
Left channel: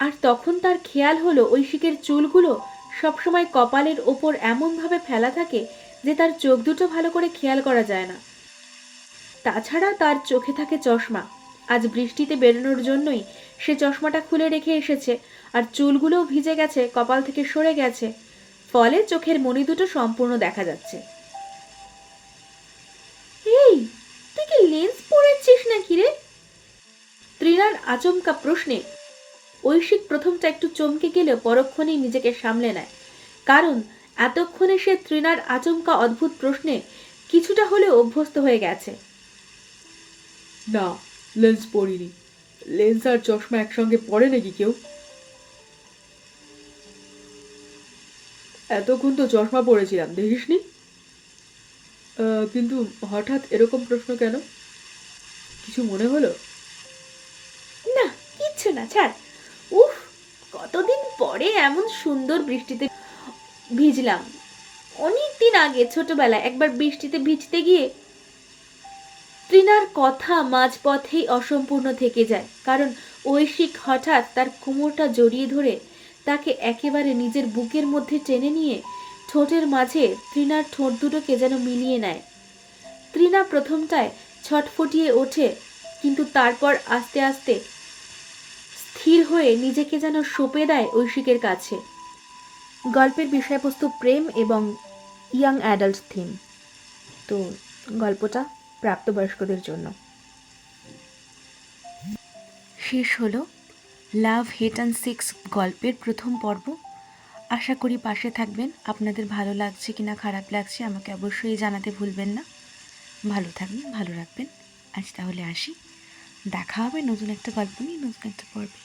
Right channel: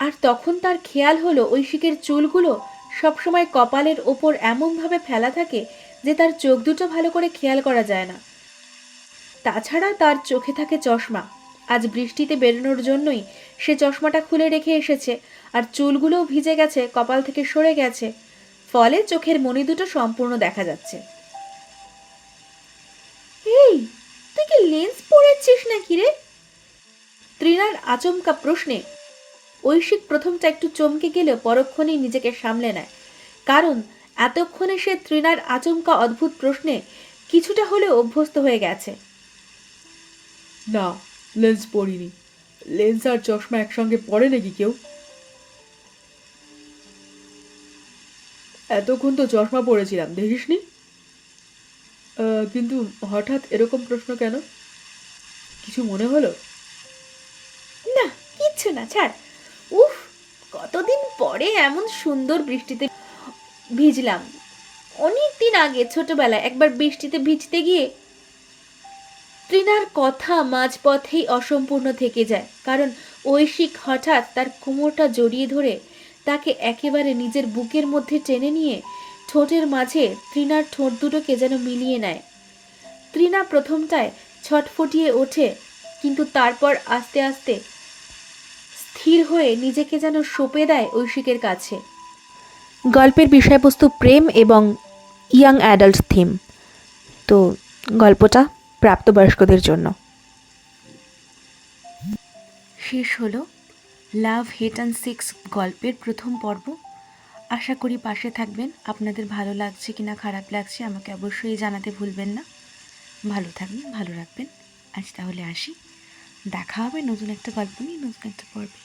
আর তখন তার খেয়াল হলো ঐশিকের চুলগুলো সবসময় কপালের ওপর এমনভাবে ফেলা থাকে যে তার চোখ দুটো ভালো করে খেয়াল করা যায় না। তাছাড়া তার চোখে থাকে চশমা। আজ বৃষ্টিতে বেরোনোর জন্যই সে চশমাটা খুলে রেখে এসেছে, আর চুলগুলোও ভিজে গেছে, কপাল থেকে সরে গেছে, ফলে চোখের মণি দুটো সম্পূর্ণ দেখা যাচ্ছে। এই, তুই কি লেন্স পরেছিস নাকি রে? ত্রিনার আচমকা প্রশ্নে ঐশিক প্রথমটা একটু চমকে গেলেও পরক্ষণেই নিজেকে সামলে নেয়, কারণ এতক্ষণে সে ত্রিনার আচমকা অদ্ভুত প্রশ্নে কিছুটা হলেও অভ্যস্ত হয়ে গেছে। না, লেন্স পরিনি। লেন্স আর চশমা একসঙ্গে পরে নাকি কেউ? এতক্ষণ তো চশমা পরেছিলাম, দেখিসনি? কিন্তু হঠাৎ এরকম প্রশ্ন কেন? কিছু মনে হলো? না, কিচ্ছু না, ছাড়। উফ, কতদিন পরে এমন সুন্দর বৃষ্টিতে ভিজলাম। অনেক দিন আগে ছোটবেলায় একবার বৃষ্টিতে ভিজতে গিয়ে তৃণার কথা মাঝপথেই অসম্পূর্ণ থেকে যায়, কারণ ঐশিক হঠাৎ তার কোমরটা জড়িয়ে ধরে তাকে একেবারে নিজের বুকের মধ্যে টেনে নিয়ে ঠোঁটের মাঝে তৃণার ঠোঁট দুটোকে যেন মিলিয়ে নেয়। তৃণা প্রথমটায় ছটফটিয়ে ওঠে, কিন্তু তারপর আস্তে আস্তে স্থির হয়ে নিজেকে যেন সঁপে দেয় ঐশিকের কাছে। গল্পের বিষয়বস্তু প্রেম এবং ইয়াং অ্যাডাল্ট থিম, তো গল্পটা প্রাপ্তবয়স্কদের জন্য। শেষ হলো লাভ হেট অ্যান্ড সেক্স গল্পের প্রথম পর্ব। আশা করি পাশে থাকবেন। আপনাদের ভালো লাগছে কিনা খারাপ লাগছে আমাকে অবশ্যই জানাতে ভুলবেন না। ভালো থাকবেন, ভালো রাখবেন। আজ তাহলে আসি, দেখা হবে নতুন একটা গল্প নিয়ে, নতুন একটা পর্বে।